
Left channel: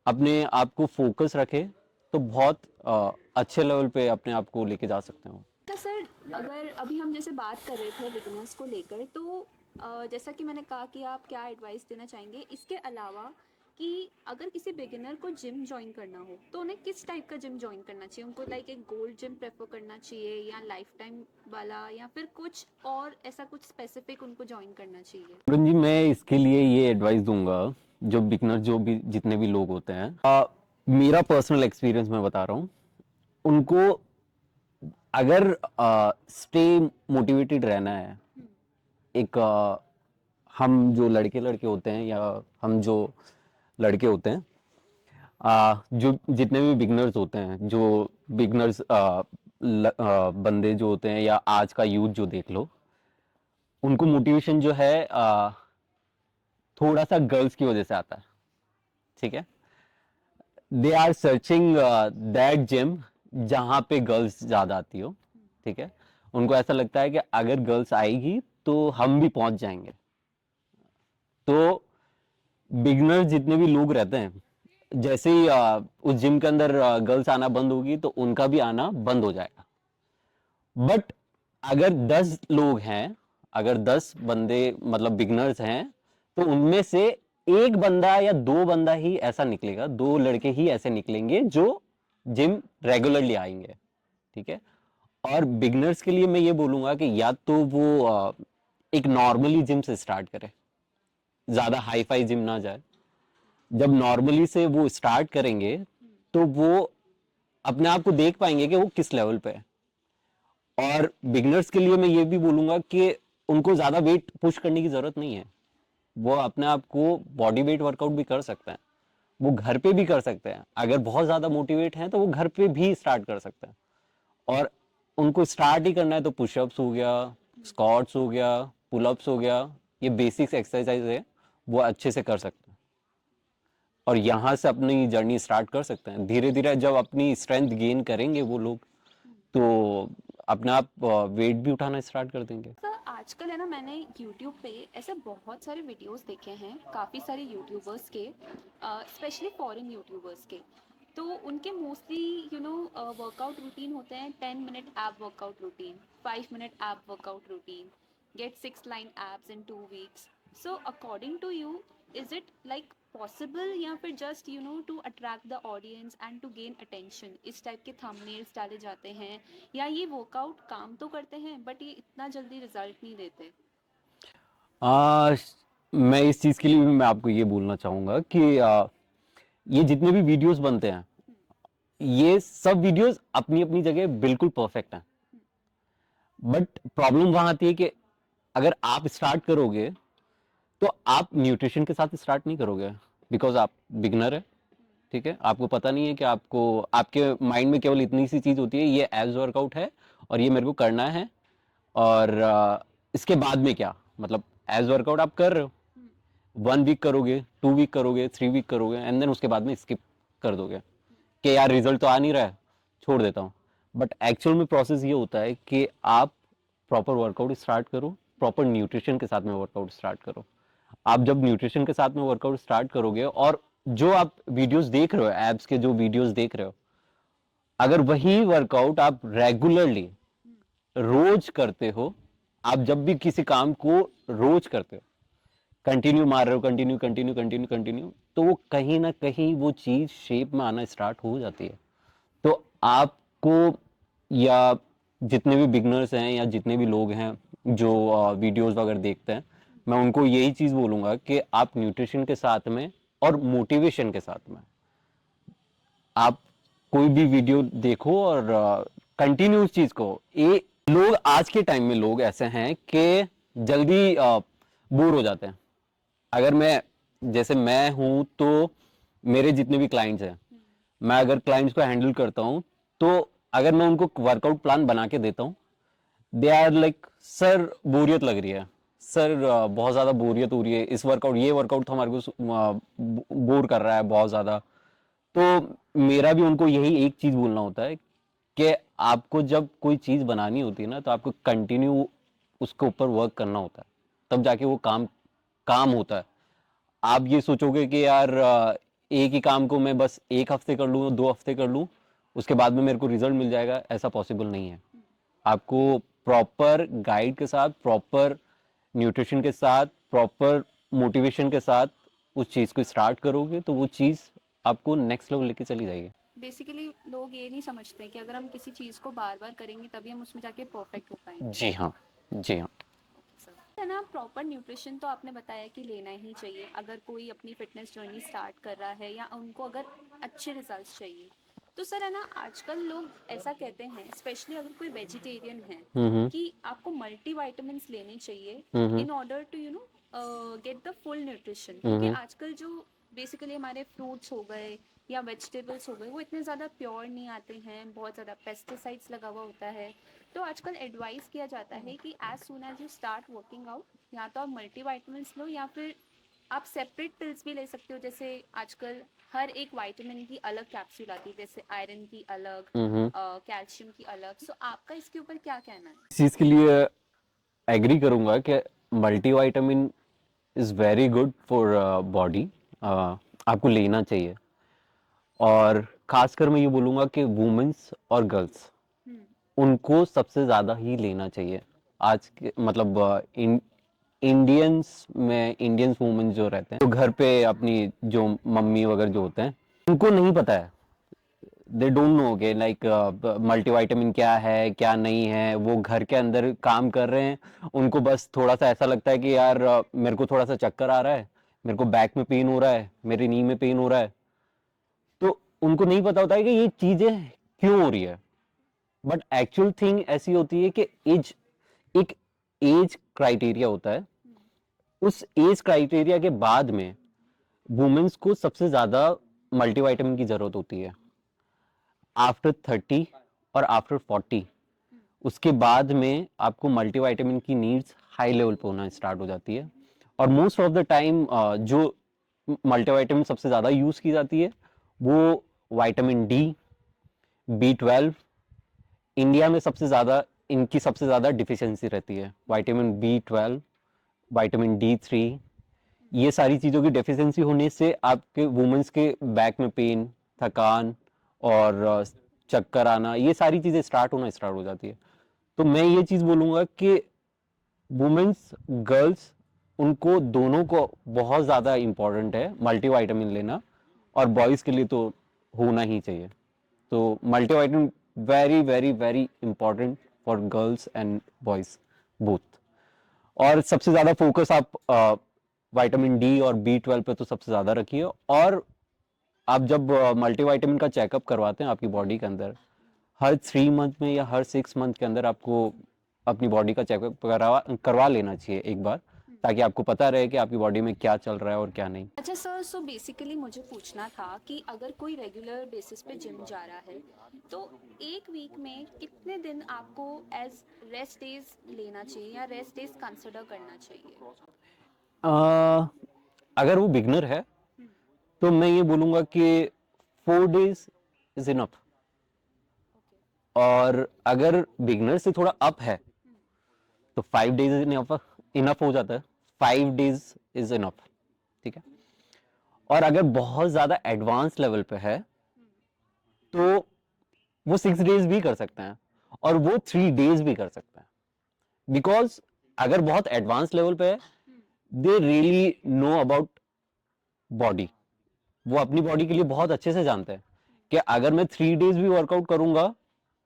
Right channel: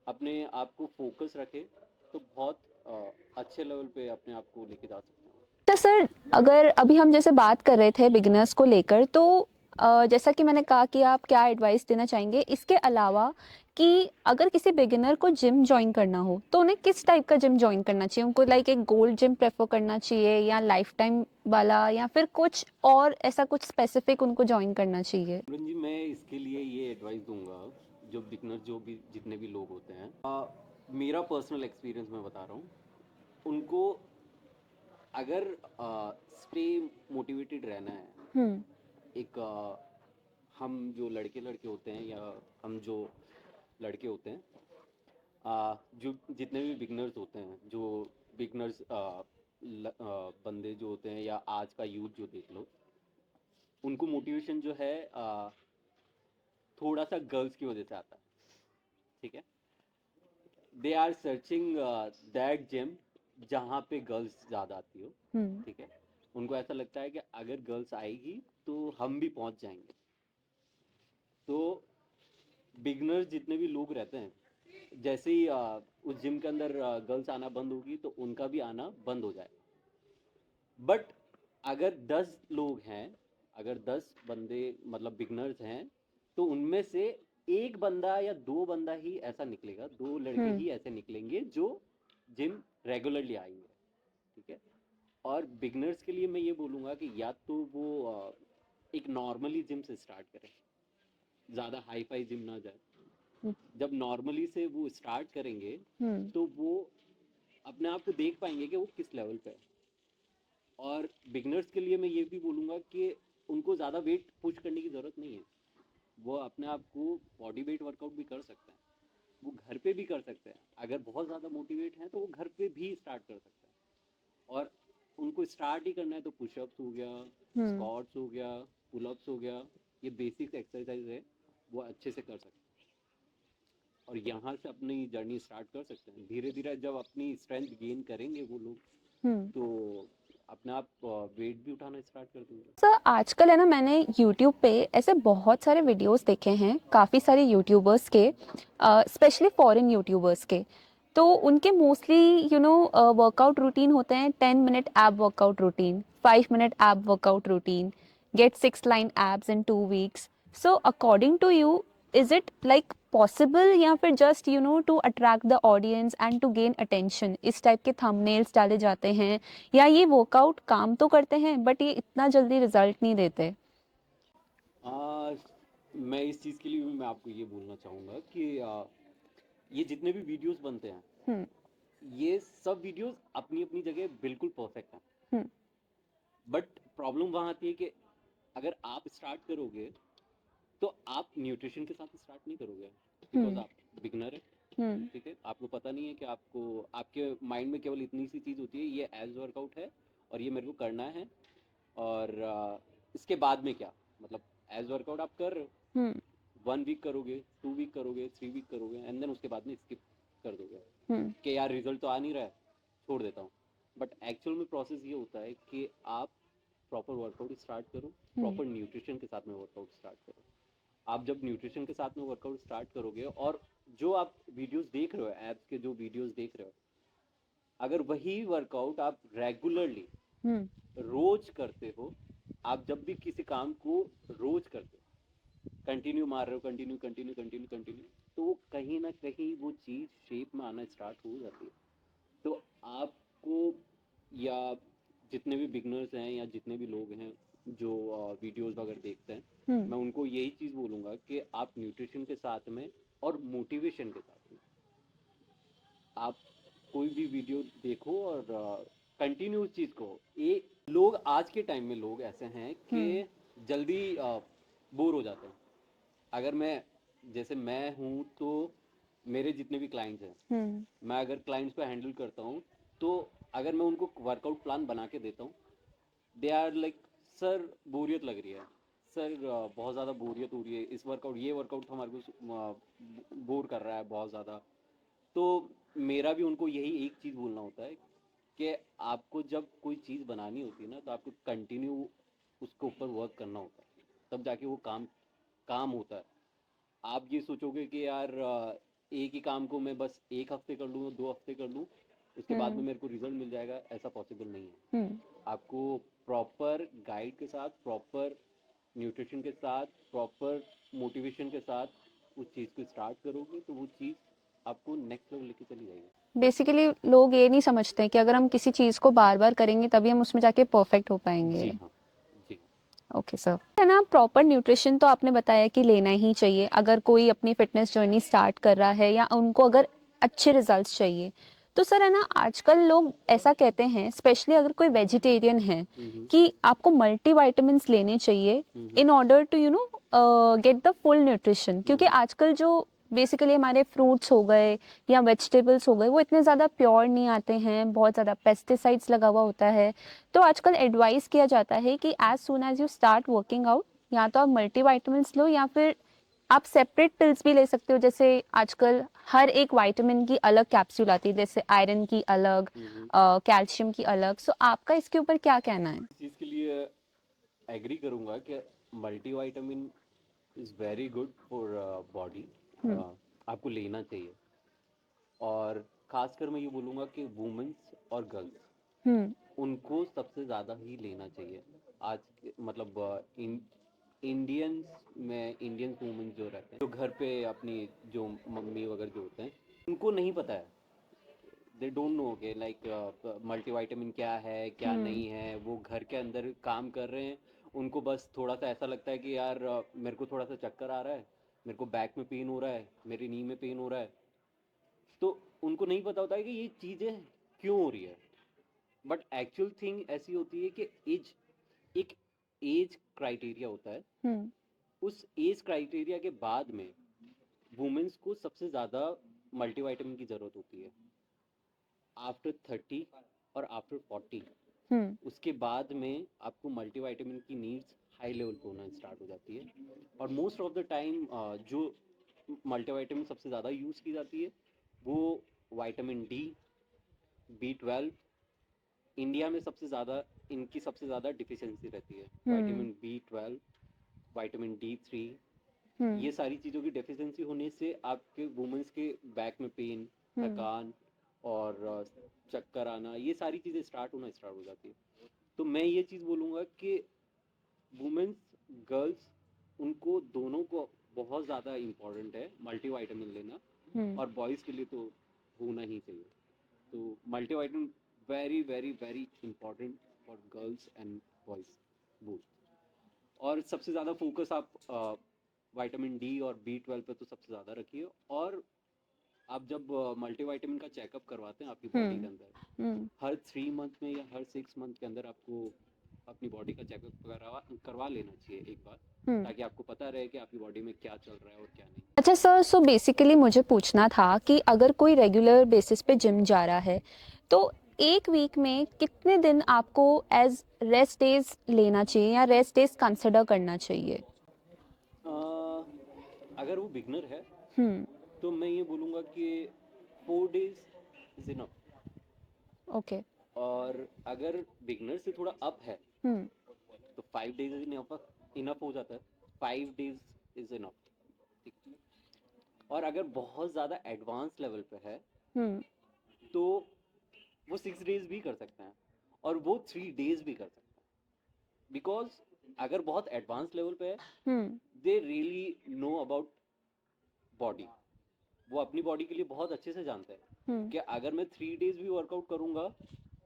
अपने आप को फोकस रखे, तो बहुत अच्छे लेवल पे अपने आप को लेके जा सकते हो। तो सर, अगर अभी हम जैसे बात कर रहे थे बिगिनर्स को लेकर, तो जैसा कि मैंने कहा कि आप क्या एडवाइस देना चाहेंगे, इसके अलावा कि अगर किसी बिगिनर को जिम ज्वाइन करना हो तो उन्हें किस टाइप का जिम ज्वाइन करना चाहिए? उनको लाइक एक गोल्ड जिम प्रेफर करना चाहिए या लाइफ टाइम वाला, या फिर कुछ और ऐसा कुछ स्पेसिफिक उनको ज्वाइन करना चाहिए? पूरन जी, मैं इसके लिए ये एडवाइस दूंगा, जो बिगनर, जो भी जितने भी लोग होते हैं, मेरा पर्सनल एक्सपीरियंस मैं बता रहा हूँ, उनको अगर स्टे मोटिवेटेड रहना है, एक हम जो लड़के लड़के होते हैं या हम जो लड़के होते हैं, जो जितने भी बिगनर्स होते हैं, जो बिगनर्स बंदे जो होते हैं, या आज का यूथ जो देख लो, उनको मोटिवेशन जो है थोड़ा सा गर्ल्स की वजह से आता है, ठीक है, they are searching that gym जहां पे गर्ल्स ज्यादा आती हो, ठीक है, उनको ऐसा लगता है कि अगर गर्ल्स आएगी तो हम भी पहुंच जाएंगे। तो बिगनर जितने भी लोग रहते हैं, जैसे ही उस जिम के अंदर गर्ल्स आना बंद होगी तो उनका भी आना बंद हो जाएगा। बट अगर 10 लोग हैं, अगर 10 बंदे मतलब बिगनर्स हैं, तो उनमें से एक बंदा या दो बंदा ही ऐसा निकलेगा, दो लड़के हम्म ही ऐसे निकलेंगे जो जिम रेगुलरली आएंगे। ठीक है। और बिगनर्स के लिए मैं ये बोलूंगा कि या तो वो एक नॉर्मली जिम से स्टार्ट करे, ज्यादा हाई फाई जिम ना जाए। जब नॉर्मली से वो स्टार्ट करेंगे हम्म तो वो अपने आप को देख पाएंगे कि वो किस लेवल पे है। और बिगनर्स के लिए मैं ये भी बोलूंगा कि उनको ज्यादा वेट पुश करने की जरूरत नहीं है। वो अपने आप को बॉडी वेट वर्कआउट भी कर सकते हैं, वो घर पे भी कर सकते हैं। अगर बहुत ज्यादा मोटिवेट हैं तो वो घर पे भी स्टार्ट कर सकते हैं। और उनको स्टार्ट ही करना है तो पुशअप्स हो गया, हम्म स्क्वाट्स हो गया, पुलअप्स हो गया, ये बेसिक्स एक्सरसाइज है, वो अच्छे से कर सकते हैं। और यहाँ से अपनी जर्नी स्टार्ट कर सकते हैं। धीरे धीरे जब अपनी स्ट्रेंथ गेन करेंगे वो लोग, हम्म तो अपने आप वेट भी उठाना स्टार्ट कर देंगे। सर आजकल है ना, मैंने यूट्यूब पे ऐसे बहुत सारे वीडियोस देखे हैं काफ़ी सारे यूट्यूबर्स के, स्पेशली फॉरेन यूट्यूबर्स के। तो उनके मोस्टली वर्कआउट रूटीन होते हैं 10 minute ab workout routine, 5 minute ab workout routine, get 6 line abs in 2 weeks. So according to you, is it like possible या फिर just to attract the audience and to gain attention इस type के thumbnails डाले जाते हैं, या ये workout काम तो करते हैं बट ये इतना जल्दी रिजल्ट नहीं देते? आ, मैं इस चीज के लिए भी मैं आपको ये बोलना चाहूंगा कि ये जितने भी वीडियोस बनते हैं, हम्म ये सब वीडियोस अपनी अपनी जगह बिल्कुल परफेक्ट हैं। हम्म बट प्रॉब्लम वहां आती है कि अगर आप स्टार्ट करोगे तो आप न्यूट्रिशन के साथ स्टार्ट नहीं करोगे, बिकॉज हम्म आप बिगनर है। हम्म ठीक है, आपको पता नहीं है कि आपको, आपके माइंड में केवल इतनी सी चीज होती है, ये एब्स वर्कआउट है और ये मेरे को करना है। और इसके बाद में क्या, मतलब एब्स वर्कआउट आप कर रहे हो, हम्म 1 वीक करोगे, 2 वीक करोगे, 3 वीक करोगे, एंड देन उसके बाद में स्किप कर दोगे हम्म कि यार रिजल्ट तो आ नहीं रहा है, छोड़ देता हूँ। बट एक्चुअल में प्रोसेस ये होता है कि आप प्रॉपर वर्कआउट स्टार्ट करो, हम्म प्रॉपर न्यूट्रिशन के साथ में वर्कआउट स्टार्ट करो। आप जब न्यूट्रिशन के साथ में वर्कआउट स्टार्ट करोगे, और जो आप वीडियोस देख रहे हो, एब्स के जो वीडियोस देख रहे हो, अगर वही वर्कआउट आप रेगुलरली हम्म रोज करते हो, आप जब भी किसी काम को रोज करते हो, कंटिन्यू मार रहे हो, कंटिन्यू कंटिन्यू कंटिन्यू कंटिन्यू, तो वो कहीं ना कहीं वो चीज शेप में आना स्टार्ट हो जाती है। तो आपको, या जितने भी बिगनर्स हैं या जितने भी लोग हैं जो वीडियोस वगैरह देखते हैं, हम्म मैं उनको यही चीज बोलूंगा कि आप न्यूट्रिशन के साथ में और मोटिवेशन के साथ में आप कोई भी वीडियो देखो और कंटिन्यू उस चीज को। ये लोग आज के टाइम में लोग ऐसे हैं कि हम्म जल्दी बोर हो जाते हैं। अगर मैं, जैसे मैं हूं तो मेरे जितने भी क्लाइंट्स हैं, हम्म मैं अगर क्लाइंट्स को हैंडल करता हूं, तो अगर मैं उनको वर्कआउट प्लान बना के देता हूं, दे आर लाइक सर बोरियत लग रही है, सर बहुत ज्यादा बोरियत हो रही है, इस वर्कआउट, ये वर्कआउट तो हमारे को बोर कर रहा है बहुत ज्यादा। तो मेरा भी उनको यही एक चीज बोलना होता है कि आपको जब कोई चीज बनानी होती है ना, तो आपको कंटिन्यू उसके ऊपर वर्क करना होता है, तब जाके वो काम काम होता है। आप ये सोचोगे कि यार एक ही काम को मैं बस 1 हफ्ते कर लूँ, 2 हफ्ते कर लूँ, उसके बाद में हम्म मेरे को रिजल्ट मिल जाएगा, ऐसा पॉसिबल नहीं है। हम्म आपको प्रॉपर गाइड के साथ, प्रॉपर न्यूट्रिशन के साथ, प्रॉपर मोटिवेशन के साथ उस चीज को स्टार्ट करोगे तो वो चीज आपको नेक्स्ट लेवल लेके चली जाएगी। बेसिकली लोग ये नहीं समझते कि अगर हम किसी चीज़ को बार बार करेंगे तभी हम उसमें जाके परफेक्ट हो पाएंगे। जी हाँ, जी हाँ। ओके सर, है ना, प्रॉपर न्यूट्रिशन तो आपने बताया कि लेना ही चाहिए अगर कोई अपनी फिटनेस जर्नी स्टार्ट कर रहा है या उनको अगर अच्छे रिजल्ट्स चाहिए। तो सर है ना, आजकल लोग ऐसा कहते हैं, स्पेशली अगर कोई वेजिटेरियन है, हम्म कि आपको मल्टीविटामिन्स लेने चाहिए hmm in order to get the full nutrition, क्योंकि हम्म आजकल जो बेसिकली हमारे फ्रूट्स हो गए या वेजिटेबल्स हो गए वो इतने ज़्यादा प्योर नहीं आते हैं, बहुत ज़्यादा पेस्टिसाइड्स लगा हुआ होता है। तो आजकल एडवाइस किया जाता है कि as soon as you start working out, या तो आप मल्टीविटामिन्स लो या फिर आप सेपरेट पिल्स भी ले सकते हो। जैसे आजकल हर एक विटामिन की अलग कैप्सूल आती है, जैसे आयरन की अलग, हम्म। कैल्शियम की अलग। सो आपका इसके ऊपर क्या कहना है? इस चीज के लिए एग्री करूंगा कि multivitamin is very good for body, hmm आपको लेना चाहिए। और खासकर मैं ये बोलूँगा कि वुमेन्स और गर्ल्स उनको सबसे ज़्यादा ही लेना चाहिए। आज के मतलब इंडियंस में इंडियंस वुमेन जो रहते हैं, जो घर पे अपनी जो मम्मी वगैरह जो होते हैं, उनको नहीं पता है, दे डोंट नो के लाइक मल्टीविटामिन क्या है क्या नहीं है। वो घर के अंदर काम कर रहे हैं, उनको बस थोड़ा सा ऐसा लगता है कि यार मेरे को थोड़ा सा चक्कर आ रहा है, मेरे को बैक में पेन हो रहा है, मेरी नी में पेन हो रहा है, तो उनको नहीं पता होता है कि ये चीजें क्यों हो रही है। बट एक्चुअल थिंग ऐसी होती है कि एज, एक एज क्राइटेरिया होता है। उस एज क्राइटेरिया के बाद में वुमेन्स को सबसे ज्यादा मल्टीविटामिन की जरूरत होती है। आफ्टर 30 और आफ्टर 40 उसके बाद में आपको मल्टीविटामिन की नीड्स हाई लेवल पे होना स्टार्ट हो जाती है। और मोस्ट ऑफ द टाइम जो मल्टीविटामिन सबसे ज्यादा यूज की जाती है वो विटामिन डी, B12। इंडिया में सबसे ज्यादा इनकी सबसे ज्यादा डिफिशियंसी रहती है। विटामिन B12, विटामिन D3, ये सारी चीजों की डेफिशिएंसी होने से आपके वुमेन्स के बैक में पेन, थकान और चक्कर आना, ये सारी चीजें स्टार्ट हो जाती है। तो मैं ये चीज बोलूंगा कि वुमेन्स, गर्ल्स, उनको दोनों को बहुत ज्यादा इंपॉर्टेंट है मल्टीविटामिन लेना, और बॉयज के लिए तो होना ही चाहिए। तो multivitamin very very very important for girls and boys both. और सबसे ज्यादा फोकस आप विटामिन डी और B12 पे तो सबसे ज्यादा रखिए। और आप जब मल्टीविटामिन का चेकअप करवाते हैं आपकी बॉडी के अंदर, हर 3 मंथ में या हर 6 मंथ के अंदर आपको अपनी बॉडी का चेकअप करवा लेना चाहिए एक बार, ताकि आपको पता रहे कि आपकी बॉडी में क्या चल रहा है और क्या नहीं। अच्छा सर, सो बेसिकली मुझे पूछना था कि अगर कोई रेगुलर बेसिस पे जिम जा रहा है तो एक वीक में कितने दिन आपको एज रेस्ट डेज लेना चाहिए या रेस्ट डेज कंसिडर करना चाहिए? अगर वो बिगनर है तो मैं ये बोलूंगा कि 4 days इज इनफ। ओके। और अगर बिगनर से थोड़ा अप है तो 5 days इनफ इनफ हो जाता है। 5 days इज इनफ, ठीक है। और अगर बहुत ज्यादा एडवांस लेवल पे है तो वो 6 days भी कर सकते हैं और वो 3 days भी कर सकते हैं। बिकॉज अगर बहुत एडवांस लेवल पे है, they really know about body, वो अपनी बॉडी के लिए बहुत अच्छे से जानते हैं कि अगर मैं 3 days भी वर्कआउट करूंगा,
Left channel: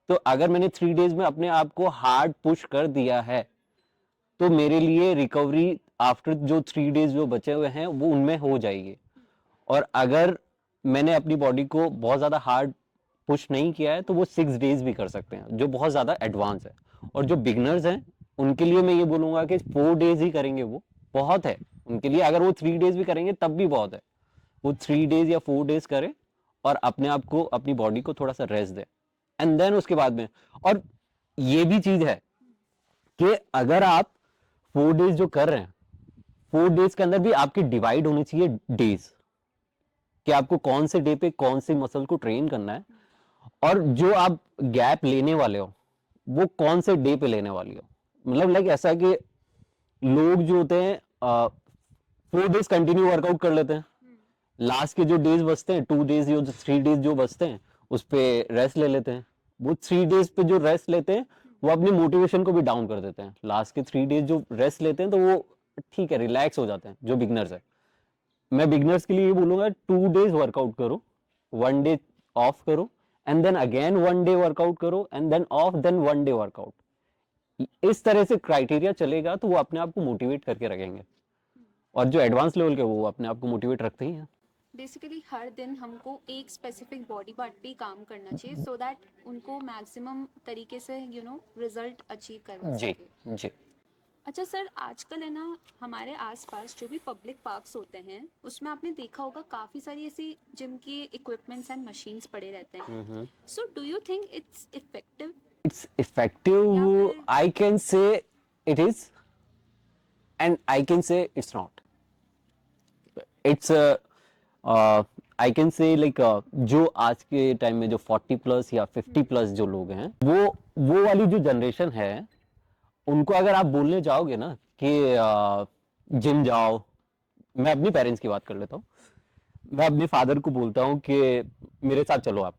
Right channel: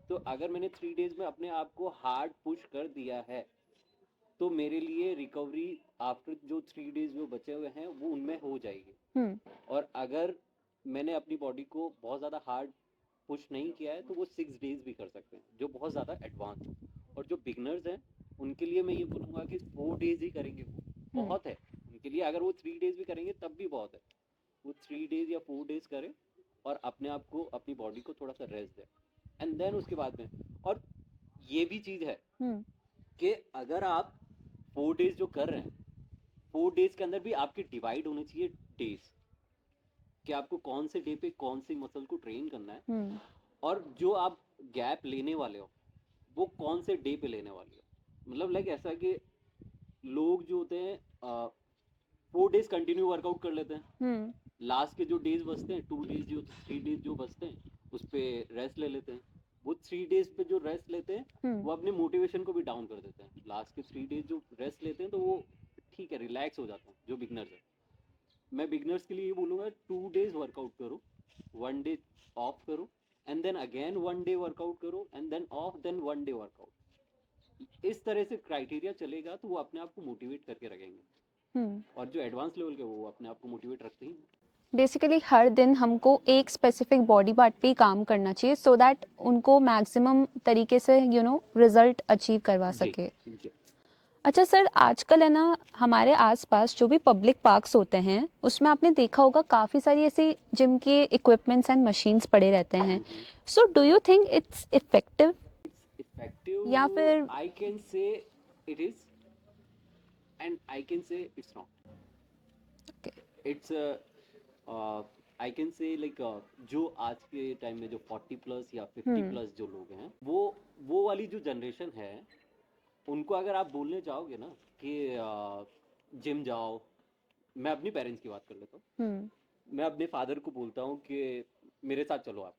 तो अगर मैंने 3 days में अपने आप को हार्ड पुश कर दिया है तो मेरे लिए रिकवरी आफ्टर जो 3 days जो बचे हुए हैं वो उनमें हो जाएगी। और अगर मैंने अपनी बॉडी को बहुत ज्यादा हार्ड पुश नहीं किया है तो वो 6 days भी कर सकते हैं, जो बहुत ज्यादा एडवांस है। और जो बिगनर्स हैं उनके लिए मैं ये बोलूंगा कि 4 days ही करेंगे, वो बहुत है उनके लिए। अगर वो 3 days भी करेंगे तब भी बहुत है। वो 3 days या 4 days करें और अपने आप को, अपनी बॉडी को थोड़ा सा रेस्ट दे, एंड देन उसके बाद में। और ये भी चीज है कि अगर आप 4 days जो कर रहे हैं, 4 days के अंदर भी आपके डिवाइड होने चाहिए डेज, कि आपको कौन से डे पे कौन से मसल को ट्रेन करना है। और जो आप गैप लेने वाले हो वो कौन से डे पे लेने वाली हो। मतलब लाइक ऐसा है कि लोग जो होते हैं 4 days कंटिन्यू वर्कआउट कर लेते हैं, लास्ट के जो डेज बचते हैं 2 days या 3 days जो बचते हैं उस पे रेस्ट ले लेते हैं। वो 3 days पे जो रेस्ट लेते हैं वो अपनी मोटिवेशन को भी डाउन कर देते हैं। लास्ट के 3 days जो रेस्ट लेते हैं तो वो ठीक है, रिलैक्स हो जाते हैं जो बिगनर्स है। मैं बिगनर्स के लिए ये बोलूंगा 2 days वर्कआउट करो, 1 day ऑफ करो, and then again 1 day workout करो, and then off, then 1 day workout. इस तरह से क्राइटेरिया चलेगा तो वो अपने आप को मोटिवेट करके रखेंगे। और जो एडवांस लेवल के वो अपने आप को मोटिवेट रखते ही हैं। बेसिकली हर दिन हमको एक स्पेसिफिक बॉडी पार्ट पे ही काम करना चाहिए सो दैट उनको मैक्सिमम तरीके से रिजल्ट अचीव करवा जी सके। जी। अच्छा सर, आजकल है ना हमारे आसपास जो भी पब्लिक पार्क्स होते हैं उसमें आपने देखा होगा काफ़ी सारी ऐसी जिम के इक्विपमेंट्स एंड मशीन्स पड़े रहते हैं। So do you think it's effective it's effective, या फिर I can say it is, and I can say it's not. It's I can say like जो आज के टाइम में जो 40+ या 50+ जो लोग हैं, वो वाली जो जनरेशन है, उनको अगर आप बोलने जाओगे ना कि जिम जाओ, मैं अपनी पेरेंट्स की बात कर लेता हूँ, मैं अपने फादर को बोलता हूँ कि मेरे साथ चलो, आप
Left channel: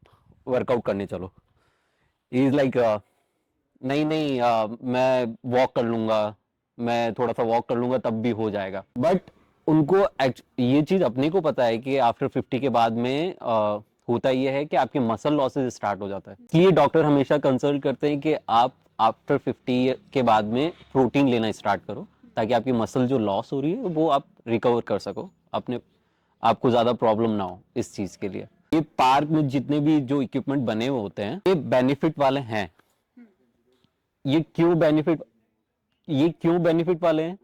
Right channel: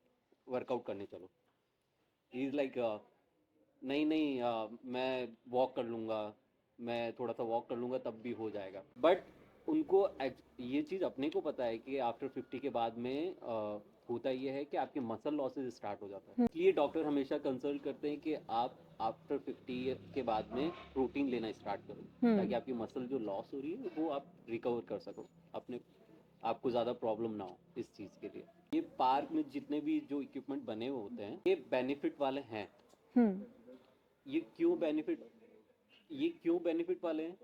वर्कआउट करने चलो। ही इज लाइक नहीं नहीं, मैं वॉक कर लूंगा, मैं थोड़ा सा वॉक कर लूंगा तब भी हो जाएगा। बट उनको ये चीज अपने को पता है कि आफ्टर 50 के बाद में होता ये है कि आपके मसल लॉसेस स्टार्ट हो जाता है। इसलिए डॉक्टर हमेशा कंसल्ट करते हैं कि आप आफ्टर 50 के बाद में प्रोटीन लेना स्टार्ट करो, ताकि आपकी मसल जो लॉस हो रही है वो आप रिकवर कर सको, अपने आपको ज्यादा प्रॉब्लम ना हो इस चीज के लिए। ये पार्क में जितने भी जो इक्विपमेंट बने हुए होते हैं ये बेनिफिट वाले हैं। ये क्यों बेनिफिट ये क्यों बेनिफिट वाले हैं?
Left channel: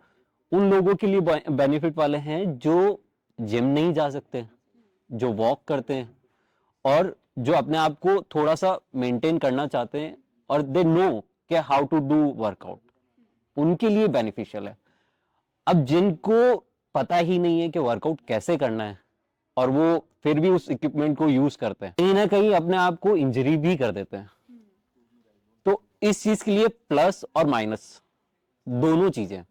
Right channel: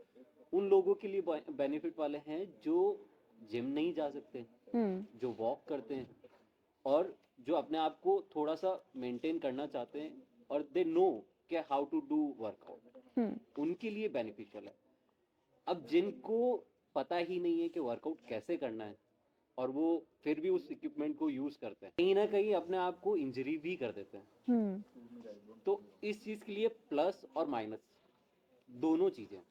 उन लोगों के लिए बेनिफिट वाले हैं जो जिम नहीं जा सकते, जो वॉक करते हैं, और जो अपने आप को थोड़ा सा मेंटेन करना चाहते हैं और दे नो कि हाउ टू डू वर्कआउट, उनके लिए बेनिफिशियल है। अब जिनको पता ही नहीं है कि वर्कआउट कैसे करना है और वो फिर भी उस इक्विपमेंट को यूज करते हैं, कहीं ना कहीं अपने आप को इंजरी भी कर देते हैं। तो इस चीज के लिए प्लस और माइनस दोनों चीजें।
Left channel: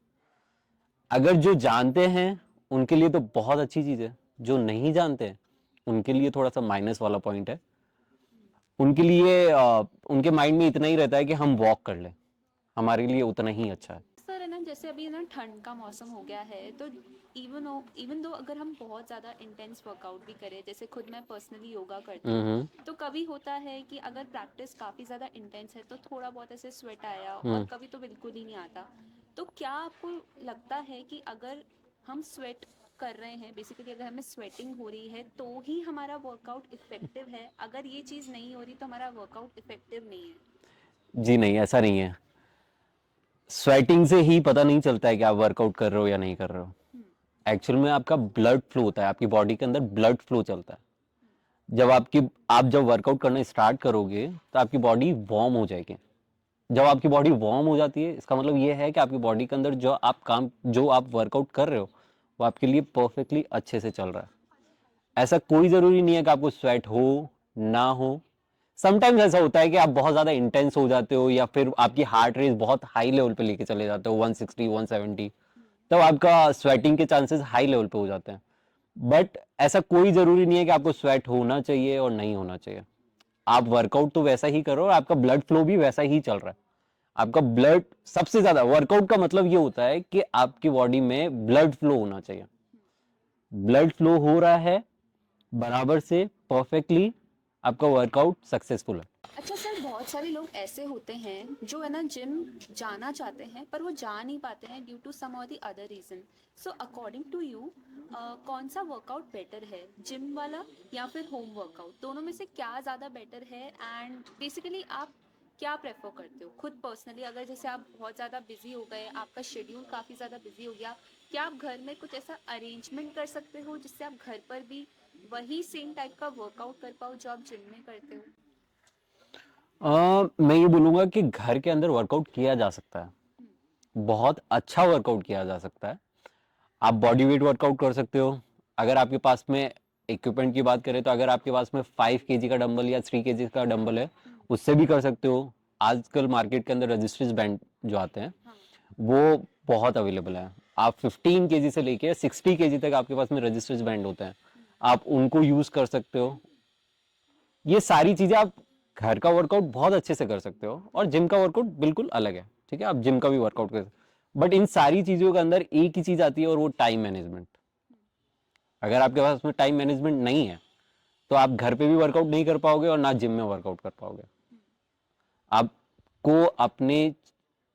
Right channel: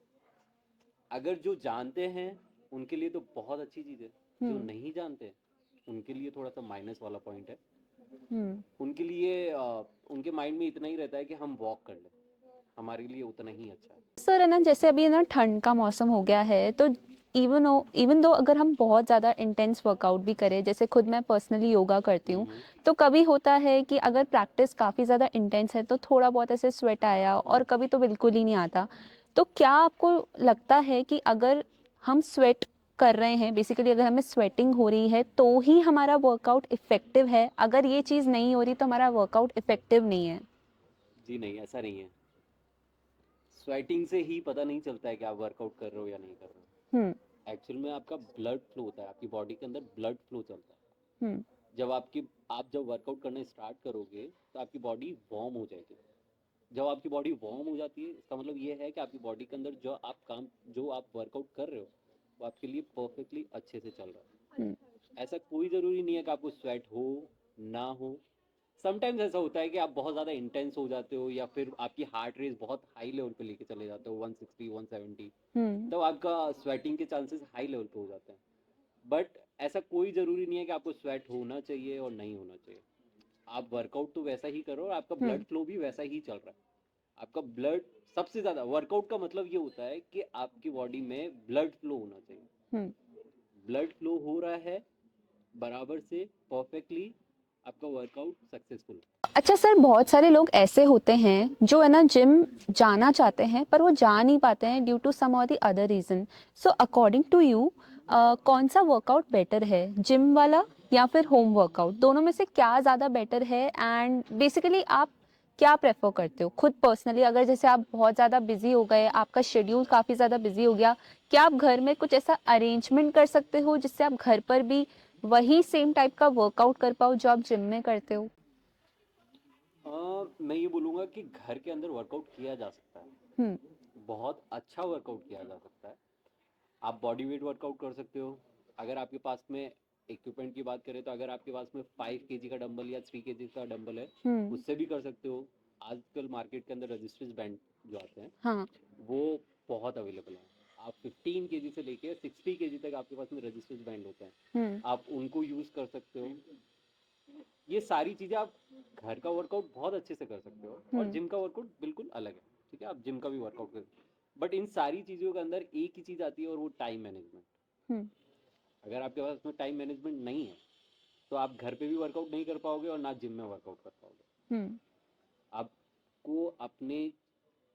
अगर जो जानते हैं उनके लिए तो बहुत अच्छी चीज है, जो नहीं जानते उनके लिए थोड़ा सा माइनस वाला पॉइंट है। उनके लिए उनके माइंड में इतना ही रहता है कि हम वॉक कर लें, हमारे लिए उतना ही अच्छा है। सर है ना, जैसे अभी है ना ठंड का मौसम हो गया है, तो इवन दो अगर हम बहुत ज़्यादा इंटेंस वर्कआउट भी करें, जैसे खुद मैं पर्सनली योगा करती हूँ, तो कभी होता है कि अगर प्रैक्टिस काफ़ी ज़्यादा इंटेंस है तो थोड़ा बहुत ऐसे स्वेट आया, और कभी तो बिल्कुल ही नहीं आता। तो क्या आपको लगता है कि अगर हम स्वेट कर रहे हैं, बेसिकली अगर हमें स्वेटिंग हो रही है तो ही हमारा वर्कआउट इफेक्टिव है, अगर ये चीज़ नहीं हो रही तो हमारा वर्कआउट इफेक्टिव नहीं है? जी नहीं, ऐसा नहीं है। स्वेटिंग से ही पता नहीं चलता है कि आप वर्कआउट कर रहे हो या नहीं कर रहे हो। एक्चुअल में आपका ब्लड फ्लो होता है, आपकी बॉडी के अंदर ब्लड फ्लो चलता है। जब आप जब वर्कआउट करना स्टार्ट करोगे तो आपकी बॉडी वार्म हो जाएगी। जब आपकी बॉडी वार्म हो जाती है, इसका मतलब ये है कि आपकी बॉडी के अंदर जो आप वर्कआउट कर रहे हो वो आपके लिए परफेक्टली अच्छे से चल रहा है। ऐसा कोई जरूरी नहीं है कि आपको स्वेट हो ना हो। समटाइम्स ऐसा होता है कि आप बहुत ज्यादा इंटेंस हो जाते हो या फिर आपकी हार्ट रेट बहुत हाई लेवल पे लेके चले जाते हो, 160 170, तब आपका स्वेटिंग के चांसेस हाई लेवल पे हो जाते हैं। बट ऐसा कोई जरूरी नहीं है कि आपको स्वेट होना चाहिए और नहीं होना चाहिए। आप वर्कआउट तो वैसा ही करो और आपका ब्लड फ्लो भी वैसा ही चल रहा है। आपका ब्लड सबसे ज्यादा, वर्कआउट का मतलब ये होता है कि आपकी बॉडी में ब्लड फ्लो होना चाहिए। ब्लड फ्लो हो रहा है बराबर से, परफेक्टली, आपका वर्कआउट सक्सेसफुल है। अच्छा सर, बहुत सारे लोग ऐसे होते हैं जो है ना जिम जाना चाहते हैं पर वो जा नहीं पाते हैं ड्यू टू सम और the other reason. So according to you कौन सा वर्कआउट बेटर है, जिम वाला या फिर होम वर्कआउट? दोनों में से क्या ज़्यादा बेटर है? एंड बेसिकली आप क्या प्रेफर करते हो खुद पर्सनली? अगर जैसे आप बहुत ज़्यादा बिजी हो गए, आपका शेड्यूल काफ़ी ज़्यादा बिजी हो गया, क्या आप घर में कुछ ऐसा अरेंजमेंट कर सकते हो जिससे आप घर पर भी वही सेम टाइप का वर्कआउट कर पाओ जो आप जिम में करते हो? मैं ये बोलूंगा कि घर के अंदर वर्कआउट किया जा सकता है, हम्म। बहुत अच्छा वर्कआउट किया जा सकता है। आप बॉडी वेट वर्कआउट कर सकते हो। अगर आपके पास में इक्विपमेंट की बात करें तो अगर आपके पास में 5 kg का डंबल या 3 kg का डंबल है, उससे भी कर सकते हो। आजकल मार्केट के अंदर रजिस्टर्स बैंड जो आते हैं, हाँ। वो बहुत अवेलेबल है। आप 15 kg से लेके 60 kg तक आपके पास में रजिस्टर्स बैंड होते हैं, आप उनको यूज कर सकते हो। ये सारी चीजें आप घर का वर्कआउट बहुत अच्छे से कर सकते हो और जिम का वर्कआउट बिल्कुल अलग है। ठीक है, आप जिम का भी वर्कआउट कर सकते हो, बट इन सारी चीजों के अंदर एक ही चीज आती है और वो टाइम मैनेजमेंट। अगर आपके पास में टाइम मैनेजमेंट नहीं है तो आप घर पे भी वर्कआउट नहीं कर पाओगे और ना जिम में वर्कआउट कर पाओगे। आपको अपने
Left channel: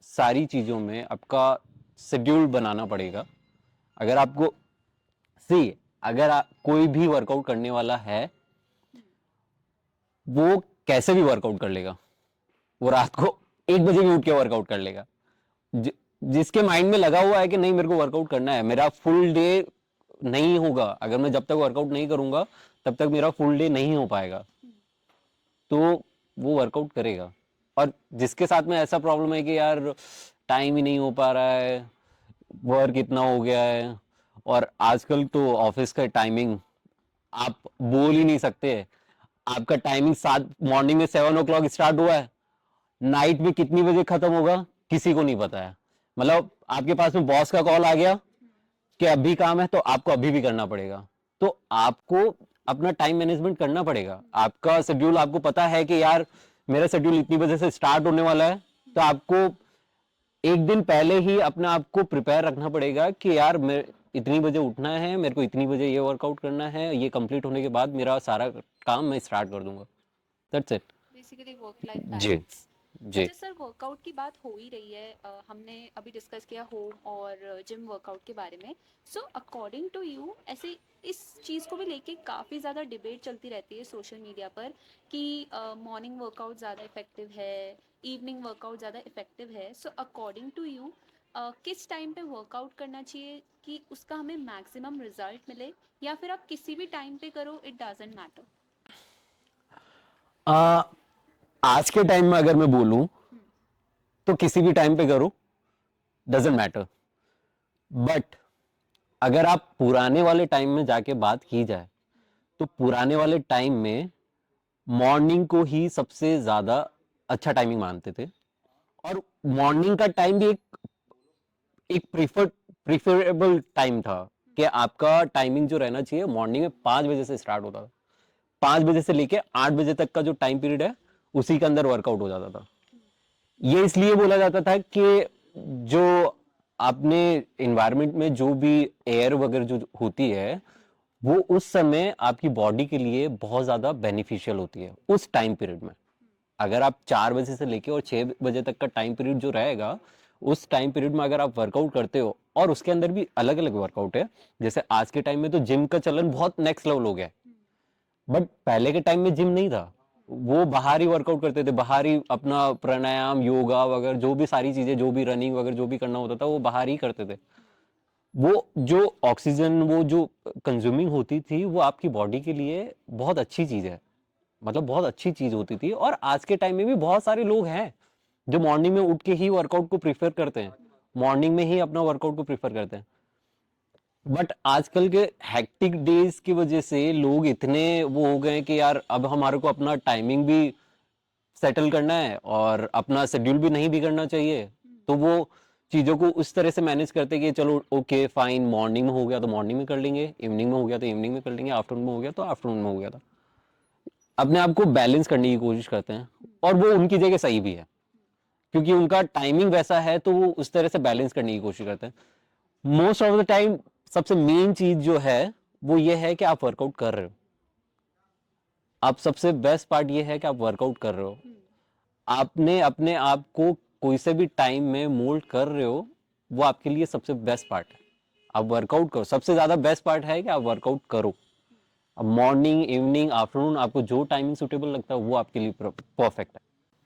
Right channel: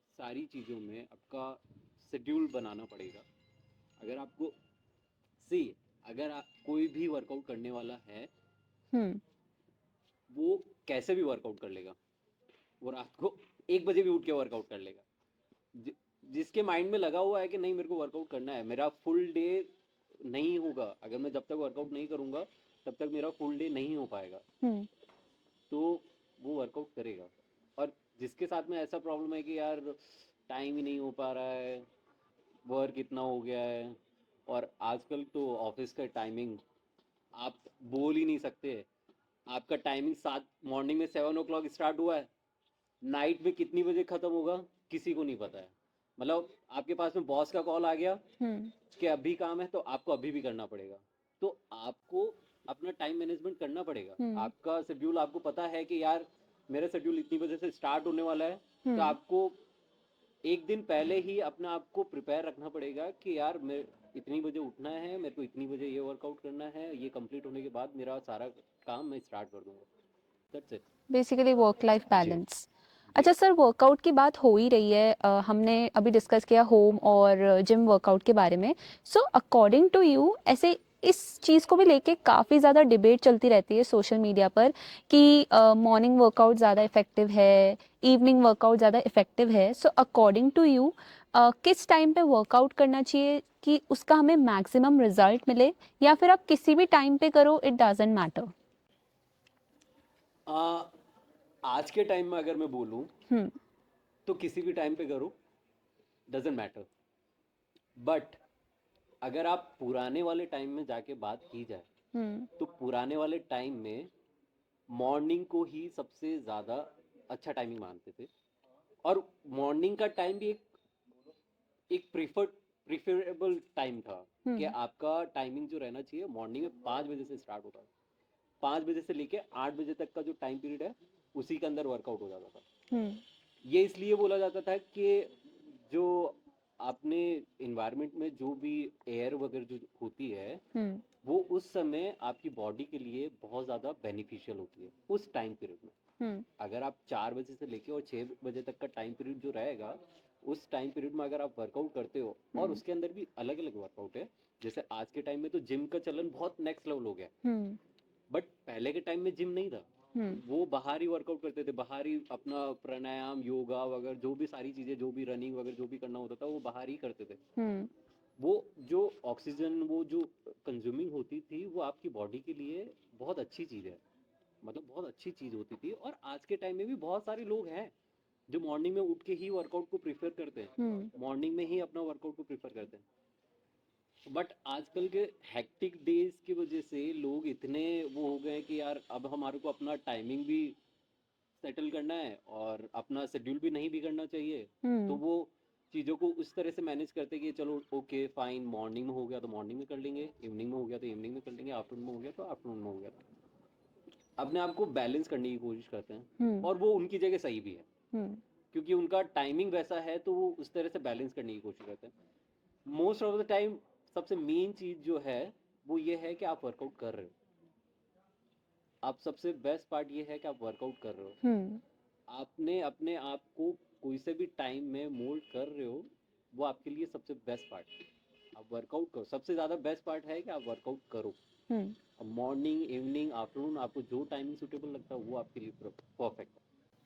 सारी चीजों में आपका शेड्यूल बनाना पड़ेगा। अगर आपको सी अगर कोई भी वर्कआउट करने वाला है, वो कैसे भी वर्कआउट कर लेगा। वो रात को 1 बजे भी उठ के वर्कआउट कर लेगा। जिसके माइंड में लगा हुआ है कि नहीं मेरे को वर्कआउट करना है, मेरा फुल डे नहीं होगा अगर मैं जब तक वर्कआउट नहीं करूंगा, तब तक मेरा फुल डे नहीं हो पाएगा, तो वो वर्कआउट करेगा। और जिसके साथ में ऐसा प्रॉब्लम है कि यार टाइम ही नहीं हो पा रहा है, वर्क इतना हो गया है, और आजकल तो ऑफिस का टाइमिंग आप बोल ही नहीं सकते। आपका टाइमिंग 7 मॉर्निंग में 7 o'clock स्टार्ट हुआ है, नाइट में कितनी बजे खत्म होगा किसी को नहीं पता है। मतलब आपके पास में बॉस का कॉल आ गया कि अभी काम है तो आपको अभी भी करना पड़ेगा। तो आपको अपना टाइम मैनेजमेंट करना पड़ेगा। हम्म। आपका शेड्यूल आपको पता है कि यार मेरा शेड्यूल इतनी बजे से स्टार्ट होने वाला है, तो आपको एक दिन पहले ही अपने आप को प्रिपेयर रखना पड़ेगा कि यार मैं इतनी बजे उठना है, मेरे को इतनी बजे ये वर्कआउट करना है, ये कंप्लीट होने के बाद मेरा सारा काम मैं स्टार्ट कर दूंगा। That's it. Basically work life जी बैलेंस। जी अच्छा सर, वर्कआउट की बात हो ही रही है, हमने अभी डिस्कस किया होम और जिम वर्कआउट के बारे में। सो अकॉर्डिंग टू यू, ऐसे इस चीज़ को भी लेके काफ़ी ज़्यादा डिबेट चलती रहती है सोशल मीडिया पर कि मॉर्निंग वर्कआउट ज़्यादा इफेक्टिव है, इवनिंग वर्कआउट ज़्यादा इफेक्टिव है। सो अकॉर्डिंग टू यू किस टाइम पे वर्कआउट करना चाहिए कि उसका हमें मैक्सिमम रिजल्ट मिले, या फिर आप किसी भी टाइम पे करो, इट डजेंट मैटर? आ, आज के टाइम में अगर मैं बोलूं हम्म। तो किसी भी टाइम पे करो, डजेंट मैटर। बट अगर आप पुराने वाले टाइम में जाके बात की जाए, हम्म। तो पुराने वाले टाइम में मॉर्निंग को ही सबसे ज्यादा अच्छा टाइमिंग मानते थे। और मॉर्निंग का टाइम भी एक प्रीफरेबल टाइम था कि आपका टाइमिंग जो रहना चाहिए मॉर्निंग में 5 बजे से स्टार्ट होता था। 5 बजे से लेके 8 बजे तक का जो टाइम पीरियड है, उसी के अंदर वर्कआउट हो जाता था। हम्म। ये इसलिए बोला जाता था कि जो आपने इन्वायरमेंट में जो भी एयर वगैरह जो होती है, हम्म। वो उस समय आपकी बॉडी के लिए बहुत ज्यादा बेनिफिशियल होती है उस टाइम पीरियड में। हम्म। अगर आप 4 बजे से लेके और 6 बजे तक का टाइम पीरियड जो रहेगा, उस टाइम पीरियड में अगर आप वर्कआउट करते हो, और उसके अंदर भी अलग अलग वर्कआउट है। जैसे आज के टाइम में तो जिम का चलन बहुत नेक्स्ट लेवल हो गया है, हम्म। बट पहले के टाइम में जिम नहीं था। हम्म। वो बाहर ही वर्कआउट करते थे, बाहर ही अपना प्राणायाम, योगा वगैरह जो भी सारी चीजें, जो भी रनिंग वगैरह जो भी करना होता था, वो बाहर ही करते थे। हम्म। वो जो ऑक्सीजन, वो जो कंज्यूमिंग होती थी, वो आपकी बॉडी के लिए बहुत अच्छी चीज है, मतलब बहुत अच्छी चीज होती थी। और आज के टाइम में भी बहुत सारे लोग हैं जो मॉर्निंग में उठ के ही वर्कआउट को प्रीफर करते हैं, हम्म। मॉर्निंग में ही अपना वर्कआउट को प्रीफर करते हैं। बट आजकल के हेक्टिक डेज की वजह से लोग इतने वो हो गए हैं कि यार अब हमारे को अपना टाइमिंग भी सेटल करना है और अपना शेड्यूल भी नहीं बिगड़ना चाहिए। तो हम्म। वो चीजों को उस तरह से मैनेज करते हैं कि चलो ओके फाइन, मॉर्निंग में हो गया तो मॉर्निंग में कर लेंगे, इवनिंग में हो गया तो इवनिंग में कर लेंगे, आफ्टरनून में हो गया तो आफ्टरनून में हो गया। था अपने आप को बैलेंस करने की कोशिश करते हैं, हम्म। और वो उनकी जगह सही भी है, हम्म। क्योंकि उनका टाइमिंग वैसा है, तो वो उस तरह से बैलेंस करने की कोशिश करते हैं। मोस्ट ऑफ द टाइम सबसे मेन चीज जो है वो ये है कि आप वर्कआउट कर रहे हो। आप सबसे बेस्ट पार्ट ये है कि आप वर्कआउट कर रहे हो, हम्म। आपने अपने आप को कोई से भी टाइम में मोल्ड कर रहे हो, वो आपके लिए सबसे बेस्ट पार्ट है। आप वर्कआउट करो, सबसे ज्यादा बेस्ट पार्ट है कि आप वर्कआउट करो। हम्म। अब मॉर्निंग, इवनिंग, आफ्टरनून, आपको जो टाइमिंग सुटेबल लगता है वो आपके लिए परफेक्ट है।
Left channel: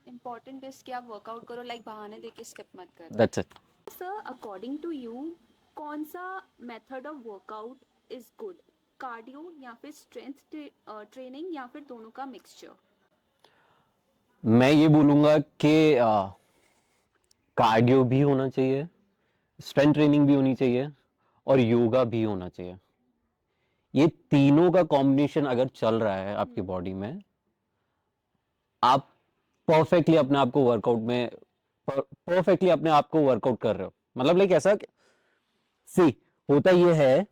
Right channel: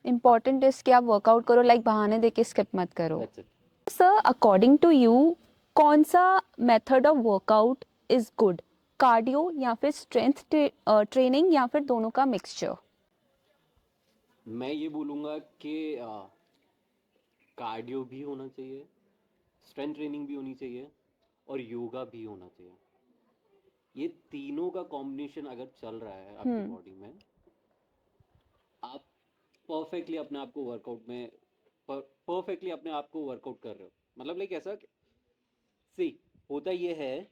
इम्पॉर्टेंट इज कि आप वर्कआउट करो, लाइक बहाने देके स्किप मत करो। That's it. Sir, according to you, कौन सा method of workout is good? Cardio या फिर स्ट्रेंथ ट्रेनिंग, या फिर दोनों का मिक्सचर? मैं ये बोलूंगा कि कार्डियो भी होना चाहिए, स्ट्रेंथ ट्रेनिंग भी होनी चाहिए, और योगा भी होना चाहिए। ये तीनों का कॉम्बिनेशन अगर चल रहा है आपकी हम्म। बॉडी में, आप परफेक्टली अपने आप को वर्कआउट में, परफेक्टली अपने आप को वर्कआउट कर रहे हो। मतलब लाइक ऐसा सी होता ये है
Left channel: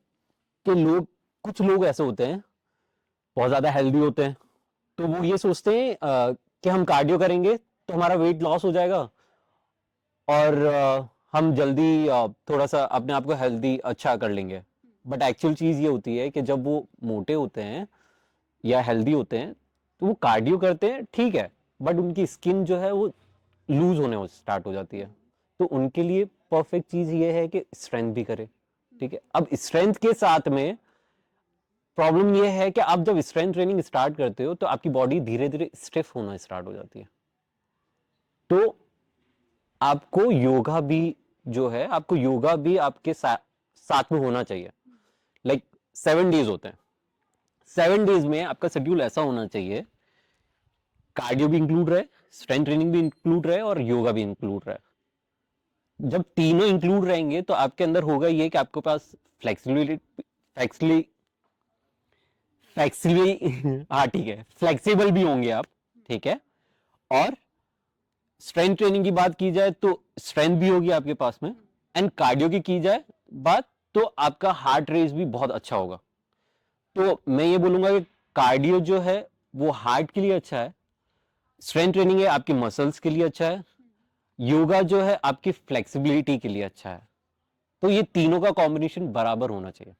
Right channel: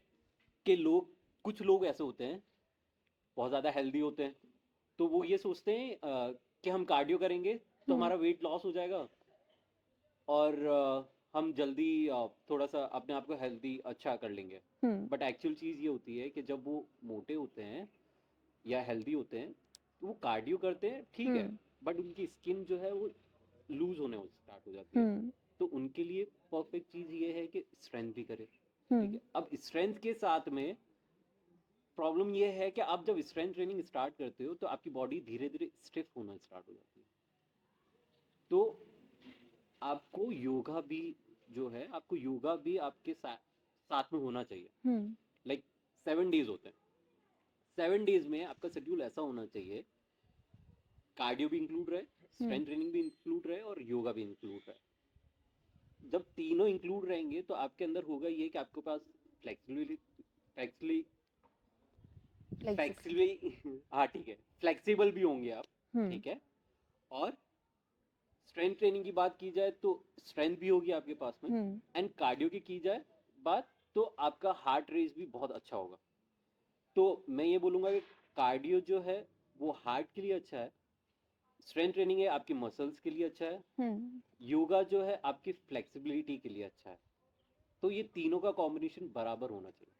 कि लोग, कुछ लोग ऐसे होते हैं बहुत ज्यादा हेल्दी होते हैं, तो वो ये सोचते हैं कि हम कार्डियो करेंगे तो हम्म। हमारा वेट लॉस हो जाएगा, और हम जल्दी थोड़ा सा अपने आप को हेल्दी अच्छा कर लेंगे। हम्म। बट एक्चुअल चीज ये होती है कि जब वो मोटे होते हैं या हेल्दी होते हैं, तो वो कार्डियो करते हैं ठीक है, हम्म। बट उनकी स्किन जो है वो लूज होने स्टार्ट हो जाती है। हम्म। तो उनके लिए परफेक्ट चीज ये है कि स्ट्रेंथ भी करे। ठीक हम्म। है, अब स्ट्रेंथ के साथ में प्रॉब्लम ये है कि आप जब स्ट्रेंथ ट्रेनिंग स्टार्ट करते हो तो आपकी बॉडी धीरे धीरे स्टिफ होना स्टार्ट हो जाती है। तो आपको योगा भी जो है, आपको योगा भी आपके साथ में होना चाहिए। हम्म। लाइक 7 डेज होते हैं, 7 डेज में आपका शेड्यूल ऐसा होना चाहिए, कार्डियो भी इंक्लूड रहे, स्ट्रेंथ ट्रेनिंग भी इंक्लूड रहे, और योगा भी इंक्लूड रहे। जब तीनों इंक्लूड रहेंगे तो आपके अंदर होगा ये कि आपके पास flexibility, flexibly like this. Flexibly हाँ ठीक है, फ्लेक्सिबल भी होंगे आप। हम्म। ठीक है, और स्ट्रेंथ ट्रेनिंग की बात की जाए तो स्ट्रेंथ भी होगी आपके पास में, हम्म। एंड कार्डियो की जाए बात, तो आपका हार्ट रेट भी बहुत अच्छा होगा। तो मैं ये बोलूंगा कि कार्डियो जो है वो हार्ट के लिए अच्छा है, स्ट्रेंथ ट्रेनिंग है आपके मसल्स के लिए अच्छा है, योगा जो है आपकी फ्लेक्सिबिलिटी के लिए अच्छा है। तो ये तीनों का कॉम्बिनेशन बराबर होना चाहिए।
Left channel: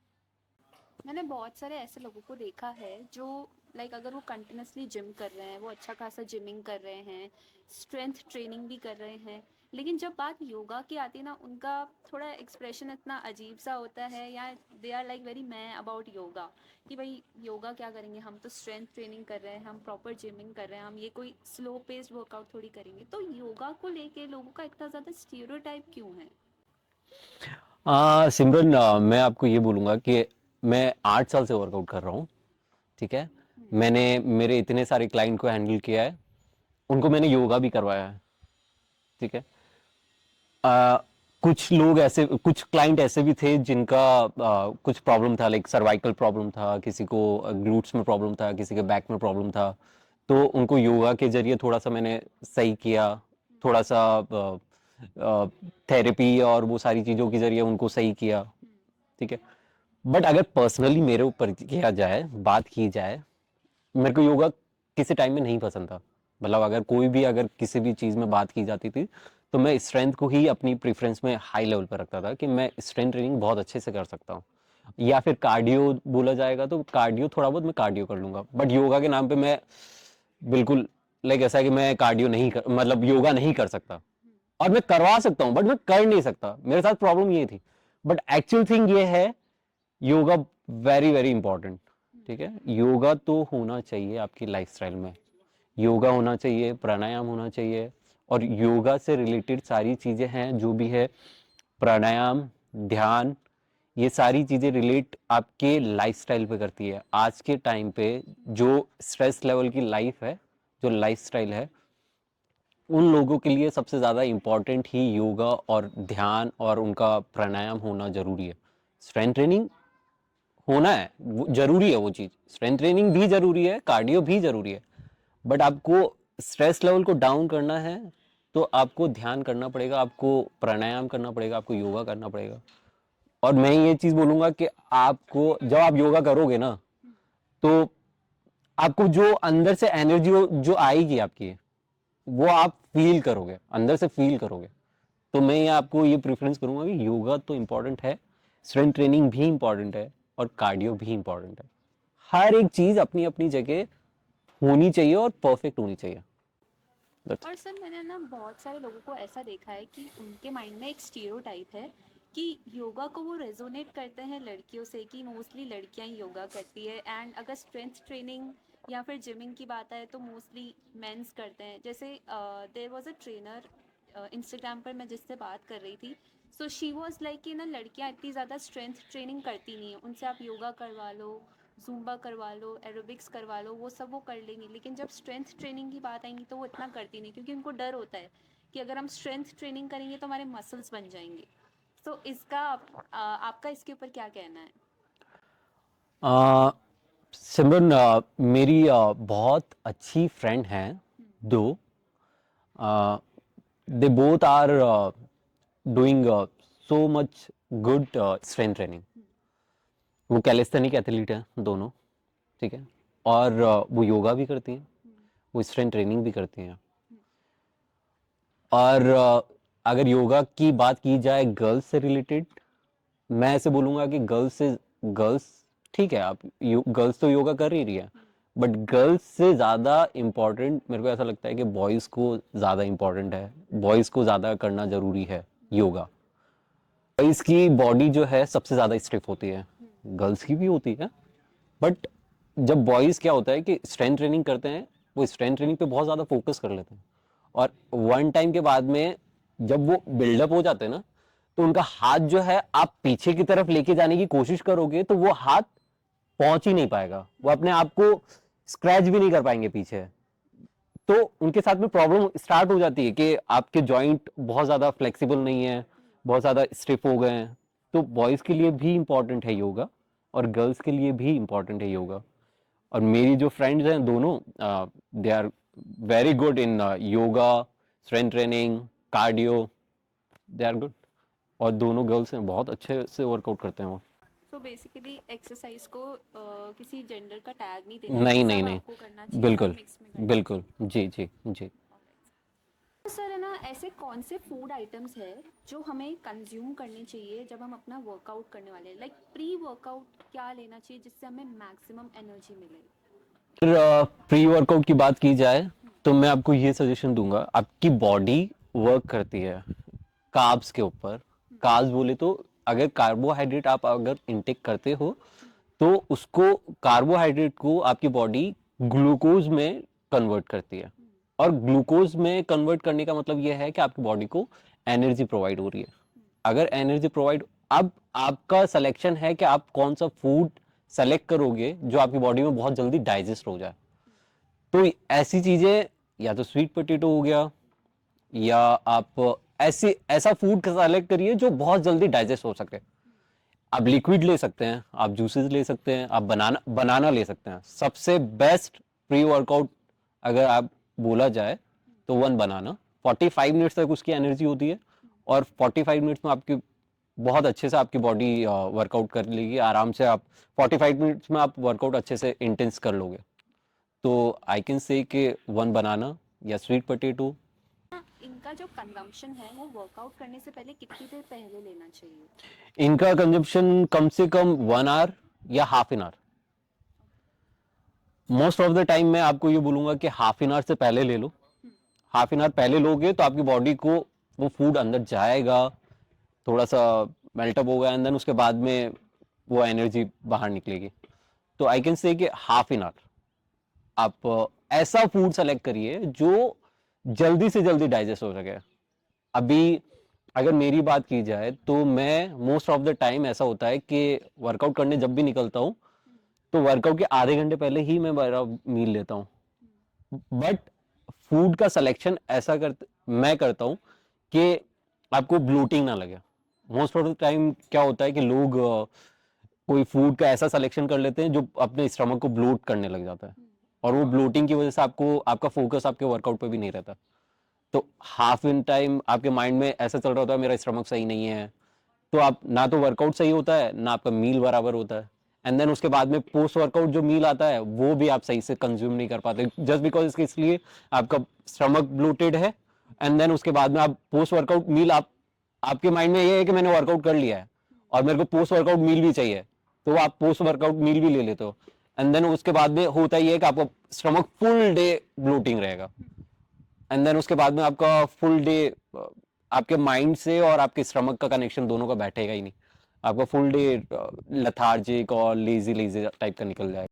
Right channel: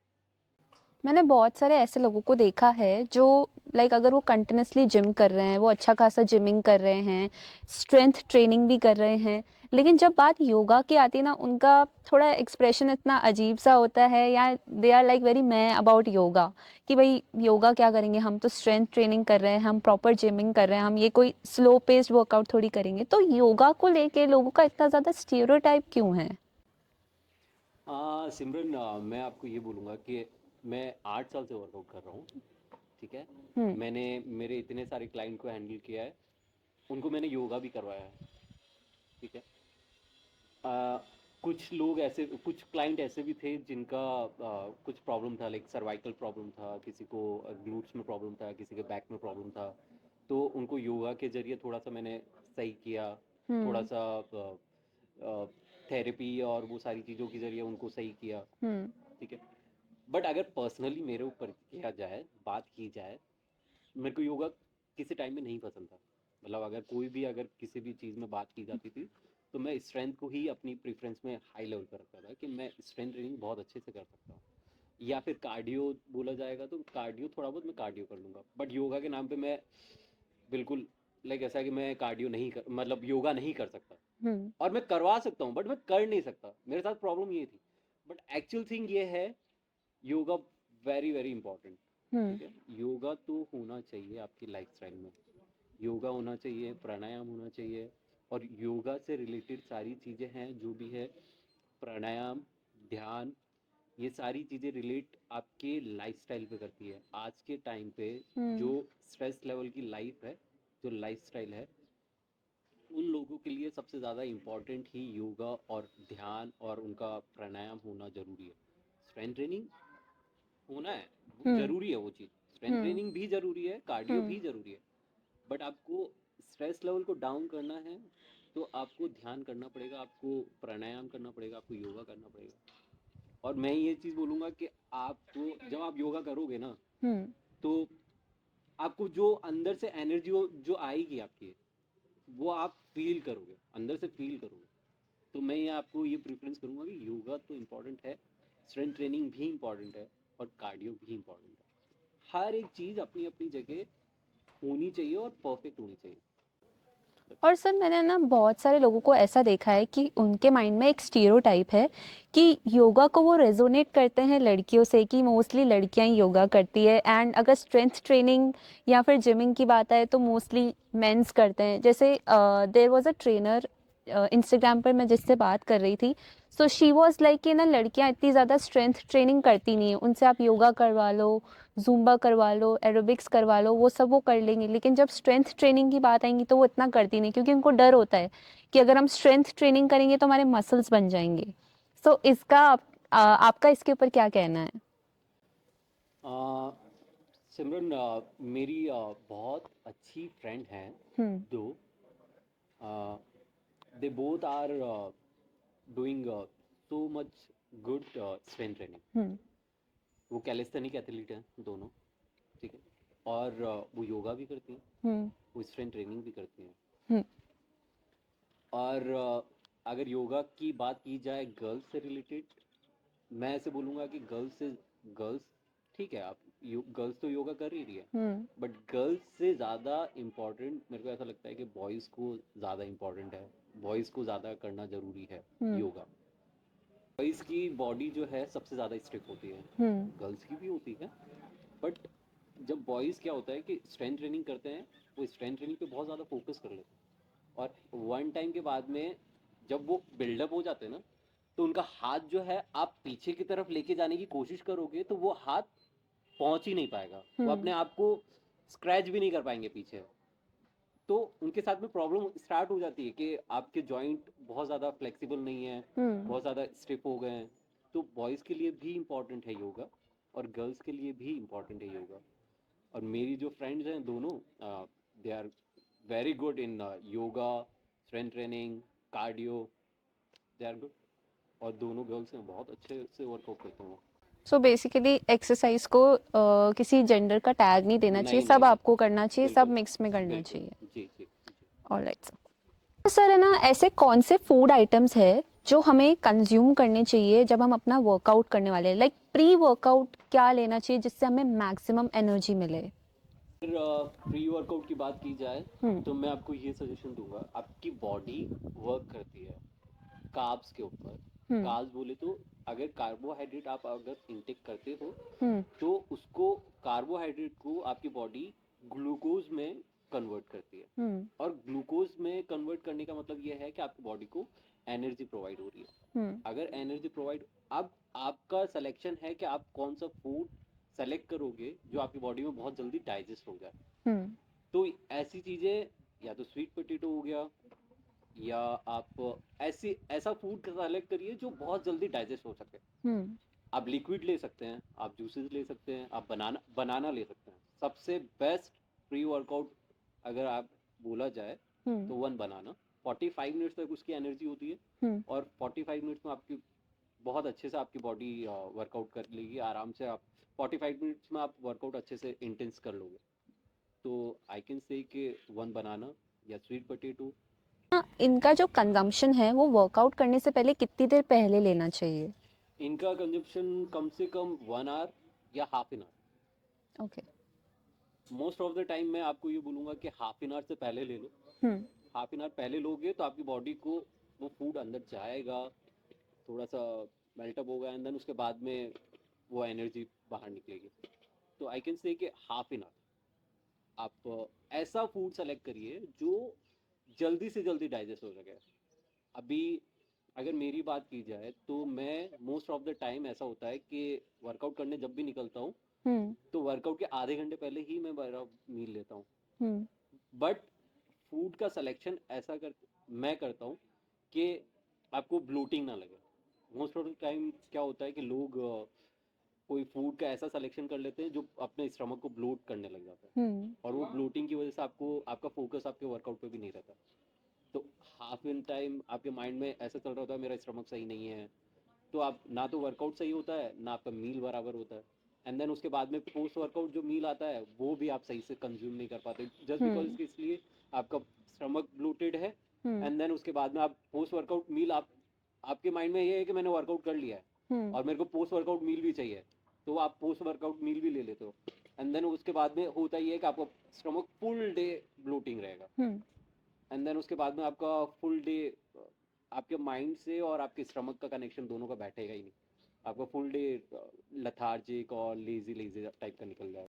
मैंने बहुत सारे ऐसे लोगों को देखा है जो लाइक अगर वो कंटिन्यूसली जिम कर रहे हैं, वो अच्छा खासा जिमिंग कर रहे हैं, स्ट्रेंथ ट्रेनिंग भी कर रहे हैं, लेकिन जब बात योगा की आती है ना, उनका थोड़ा एक्सप्रेशन इतना अजीब सा होता है, या दे आर लाइक वेरी मैं अबाउट योगा, कि भाई योगा क्या करेंगे, हम तो स्ट्रेंथ ट्रेनिंग कर रहे हैं, हम प्रॉपर जिमिंग कर रहे हैं, हम ये कोई स्लो पेस्ड वर्कआउट थोड़ी करेंगे। तो योगा को लेके लोगों का इतना ज़्यादा स्टीरियोटाइप क्यों है? सिमरन, मैं आपको ये बोलूंगा कि मैं 8 साल से वर्कआउट कर रहा हूँ। ठीक है। हम्म। मैंने मेरे इतने सारे क्लाइंट को हैंडल किया है, उनको मैंने योगा भी करवाया है। ठीक है। आ, कुछ लोग ऐसे, कुछ क्लाइंट ऐसे भी थे जिनका कुछ प्रॉब्लम था, लाइक सर्वाइकल प्रॉब्लम था, किसी को ग्लूट्स में प्रॉब्लम था, किसी के बैक में प्रॉब्लम था। तो उनको योगा के जरिए थोड़ा सा मैंने सही किया, थोड़ा हम्म। सा थेरेपी और वो सारी चीज़ों के जरिए उनको सही किया। हम्म। ठीक है। बट अगर पर्सनली मेरे ऊपर किया जाए, बात की जाए, मेरे को योगा किसी टाइम में नहीं पसंद था। मतलब अगर कोई भी, अगर किसी भी चीज़ में बात की जाती थी, तो मैं स्ट्रेंथ को ही अपनी प्रेफरेंस में हाई लेवल पर रखता था कि मैं स्ट्रेंथ ट्रेनिंग बहुत अच्छे से कर सकता हूँ। या फिर कार्डियो बोला जाएगा तो कार्डियो, थोड़ा बहुत मैं कार्डियो कर लूंगा, बट योगा के नाम पे मैं बिल्कुल, लाइक ऐसा है कि मैं कार्डियो नहीं कर, मतलब योगा नहीं कर सकता। हम्म। और मैं करवा सकता हूँ बट मैं कर नहीं सकता, मेरे साथ प्रॉब्लम ये थी। बट एक्चुअल थिंग ये है, योगा वेरी वेरी इंपॉर्टेंट। हम्म। ठीक है। योगा तो होना चाहिए आपकी लाइफस्टाइल में, योगा होना चाहिए, प्राणायाम होना चाहिए। और योगा से रिलेटेड सारी चीजें हैं जो भी है, प्राणायाम, ध्यान, ये सारी चीजें रिलेट आपके लाइफस्टाइल पे करती है। आज के टाइम पे हम्म। जो स्ट्रेस लेवल की लाइफ है, जो लाइफस्टाइल है, उन लोगों के लिए सबसे ज़्यादा इम्पॉर्टेंट ही योगा और ध्यान और उनका प्राणायाम होना ज़रूरी है। स्ट्रेंथ ट्रेनिंग होना है, वो हम्म। ज़रूरी है, वो चीज़ स्ट्रेंथ हम्म। ट्रेनिंग भी ज़रूरी है, कार्डियो हम्म। भी ज़रूरी है। बट आपको स्ट्रेस लेवल को डाउन करना है तो आपको ध्यान करना पड़ेगा, आपको प्राणायाम करना पड़ेगा, आपको योगा करना पड़ेगा। और मैं ये चीज़ बोलूँगा कि आपको जब आप योगा करोगे ना, हम्म। तो आपको जो अंदर से एनर्जी जो आएगी आपकी, वो आप फील करोगे, अंदर से फील करोगे। तो मैं ये आपको ये प्रेफरेंस करूंगा कि योगा तो इंपॉर्टेंट है, स्ट्रेंथ ट्रेनिंग भी इंपॉर्टेंट है, और कार्डियो भी इंपॉर्टेंट है। हर एक चीज अपनी अपनी जगह होनी चाहिए और परफेक्ट होनी चाहिए। That's और सर मैंने ना बहुत सारे लोगों को ऐसा देखा है कि उनके माइंड में एक स्टीरियोटाइप है कि योगा को वो रेजोनेट करते हैं लड़कियों से, कि मोस्टली लड़कियां ही योगा करती है, एंड अगर स्ट्रेंथ ट्रेनिंग या फिर जिमिंग की बात आए तो मोस्टली मेंस करते हैं। जैसे there was a trainer Instagram पर मैं जिससे बात कर रही थी, सो शी वाज लाइक कि ना लड़कियां इतनी ज़्यादा स्ट्रेंथ ट्रेनिंग करती नहीं है, उनसे आप योगा करवा लो, ज़ुम्बा करवा लो, एरोबिक्स करवा लो, वो सब वो कर लेंगी, लेकिन जब स्ट्रेंथ ट्रेनिंग की बात आएंगी तो वो इतना करती नहीं, क्योंकि उनको डर होता है कि अगर हम स्ट्रेंथ ट्रेनिंग करेंगे तो हमारे मसल्स बन जाएंगे। सो इसका आपका इसके ऊपर क्या कहना है? आ, सिमरन, मेरी बहुत अच्छी फ्रेंड हैं हम्म। दो, they both are doing so much good strength training. Hmm. वो कैलिस्थेनिक एथलीट हैं दोनों। ठीक है। और वो योगा भी करती हैं, हम्म। वो स्ट्रेंथ ट्रेनिंग भी करती हैं। हम्म। और अगर योगा की बात की जाए गर्ल्स से रिलेटेड, मैं ऐसे बोलूँगा कि गर्ल्स ठीक है, आप गर्ल्स तो योगा कर ही रही है, हम्म। बट गर्ल्स से ज़्यादा इम्पोर्टेंट मेरे को ऐसा लगता है कि बॉयज़ को ज़्यादा इम्पोर्टेंट है, बॉयज़ को ज़्यादा करना ज़रूरी है हम्म। योगा। बॉयज़ की बॉडी जो है सबसे ज़्यादा स्टिफ होती है, हम्म। गर्ल्स की भी होती है। बट जब बॉयज़ क्या होता है कि स्ट्रेंथ ट्रेनिंग करते हैं, वो स्ट्रेंथ ट्रेनिंग पे बहुत ज़्यादा फोकस कर लेते हैं। और वन टाइम के बाद में जब वो बिल्डअप हो जाते हैं ना, तो उनका हाथ जो है, आप पीछे की तरफ लेके जाने की कोशिश करोगे तो वो हाथ पहुंच ही नहीं पाएगा, वो हम्म। अपने आप को स्क्रैच भी नहीं कर पाएंगे पीछे। तो उनके साथ में प्रॉब्लम स्टार्ट हो जाती है कि आपके जॉइंट बहुत ज़्यादा फ्लेक्सिबल नहीं है, हम्म। बहुत ज़्यादा स्टिफ हो गए हैं। तो बॉयज़ के लिए भी इंपॉर्टेंट है योगा, और गर्ल्स के लिए भी इंपॉर्टेंट है योगा। और मेरी जो फ्रेंड्स हैं दोनों, they are very good in yoga, strength training, cardio, they are good. और दोनों गर्ल्स हैं, बहुत अच्छे से वर्कआउट करते हैं वो। सो बेसिकली एक्सरसाइज को किसी जेंडर का टैग नहीं देना चाहिए, नहीं नहीं सब नहीं, आपको करना चाहिए, सब बिल्कुल मिक्स में करना बिल्कुल, चाहिए। जी जी जी। ऑलराइट सर, है ना, ऐसे कौन से फूड आइटम्स है जो हमें कंज्यूम करने चाहिए जब हम अपना वर्कआउट करने वाले हैं, लाइक प्री वर्कआउट क्या लेना चाहिए जिससे हमें मैक्सिमम एनर्जी मिले? फिर प्री वर्कआउट की बात की जाए हम्म। तो मैं आपको ये सजेशन दूंगा, आपकी बॉडी वर्क करती है कार्ब्स के ऊपर। हम्म। कार्ब्स बोले तो अगर कार्बोहाइड्रेट आप अगर इनटेक करते हो हम्म। तो उसको, कार्बोहाइड्रेट को आपकी बॉडी ग्लूकोज में कन्वर्ट करती है। हम्म। और ग्लूकोज में कन्वर्ट करने का मतलब यह है कि आपकी बॉडी को एनर्जी प्रोवाइड हो रही है। हम्म। अगर एनर्जी प्रोवाइड, अब आपका सिलेक्शन है कि आप कौन सा फूड सेलेक्ट करोगे जो आपकी बॉडी में बहुत जल्दी डाइजेस्ट हो जाए। हम्म। तो ऐसी चीजें, या तो स्वीट पोटैटो हो गया, या आप ऐसी ऐसा फूड सेलेक्ट करिए जो बहुत जल्दी डाइजेस्ट हो सके। हम्म। आप लिक्विड ले सकते हैं, आप जूसेस ले सकते हैं, आप बनाना बनाना ले सकते हैं। सबसे बेस्ट प्री वर्कआउट अगर आप बोला जाए हम्म। तो वन बनाना। 45 मिनट्स तक उसकी एनर्जी होती है, हम्म। और 45 मिनट्स में आपकी बहुत अच्छे से आपकी बॉडी वर्कआउट कर लेगी आराम से। आप 45 मिनट्स में आप वर्कआउट अच्छे से इंटेंस कर लोगे। तो आई कैन से कि वन बनाना या स्वीट पोटैटो। हाँ, इनका जो कंजम्पशन है वो वर्कआउट करने से पहले कितनी देर पहले लेना चाहिए? इनका कंजप्शन कम से कम 1 आवर या half an hour. Okay. Most of the time मैं आपको ये बोलूंगा कि हाफ एन आवर से पहले ले लो। हम्म। हाफ एन आवर पहले लोगे तो आपकी बॉडी को वो फूड अंदर जाएगा, थोड़ा सा मेल्टअप होगा, एंड देन उसके बाद में वो एनर्जी बाहर निकलेगी। तो आई कैन से कि हाफ एन आवर आप ऐसा फूड सेलेक्ट करिए जो जल्दी से जल्दी डाइजेस्ट हो सके। अभी अगर मेरी बात की जाए तो मैं मोस्ट ऑफ द टाइम ऐसा होता है कि वर्कआउट करने जब भी निकलता हूँ हम्म। तो वर्कआउट के आधे घंटे पहले ही मैं मेरा मील लेता हूँ। हम्म। बट फूड का सिलेक्शन ऐसा मैं करता हूँ कि आपको ब्लोटिंग ना लगे। मोस्ट ऑफ द टाइम क्या होता है कि लोग कोई फूड का ऐसा सिलेक्शन कर लेते हैं जो अपने स्टमक को ब्लोट करने लग जाता है, हम्म। और वो ब्लोटिंग की वजह से आपको आपका फोकस आपके वर्कआउट पे भी नहीं रहता। तो हाफ इन टाइम आपके माइंड में ऐसा चल रहा होता है मेरा स्टमक सही नहीं है, तो आप ना तो वर्कआउट सही होता है ना आपका मील बराबर होता है। एंड देन उसके बाद में पोस्ट वर्कआउट जो मील आता है वो भी आप सही से कंज्यूम नहीं कर पाते, जस्ट बिकॉज हम्म। इसके इसलिए आपका स्टमक ब्लोटेड है। हम्म। एंड देन उसके बाद में आप पोस्ट वर्कआउट मील, आप आपके माइंड में ये है कि मैंने वर्कआउट कर लिया है हम्म। और मेरे को पोस्ट वर्कआउट मील भी चाहिए, तो आप पोस्ट वर्कआउट मील भी ले लेते हो। एंड देन उसके बाद में होता ही है कि आपका स्टमक फुल डे ब्लोटिंग रहेगा। हम्म। एंड देन उसके बाद में आपका फुल डे आपके माइंड से और आपके स्टमक का कनेक्शन दोनों का बैठेगा ही नहीं। आपका फुल डे लथार्जिक और लेजी लेजी टाइप का निकल जाएगा।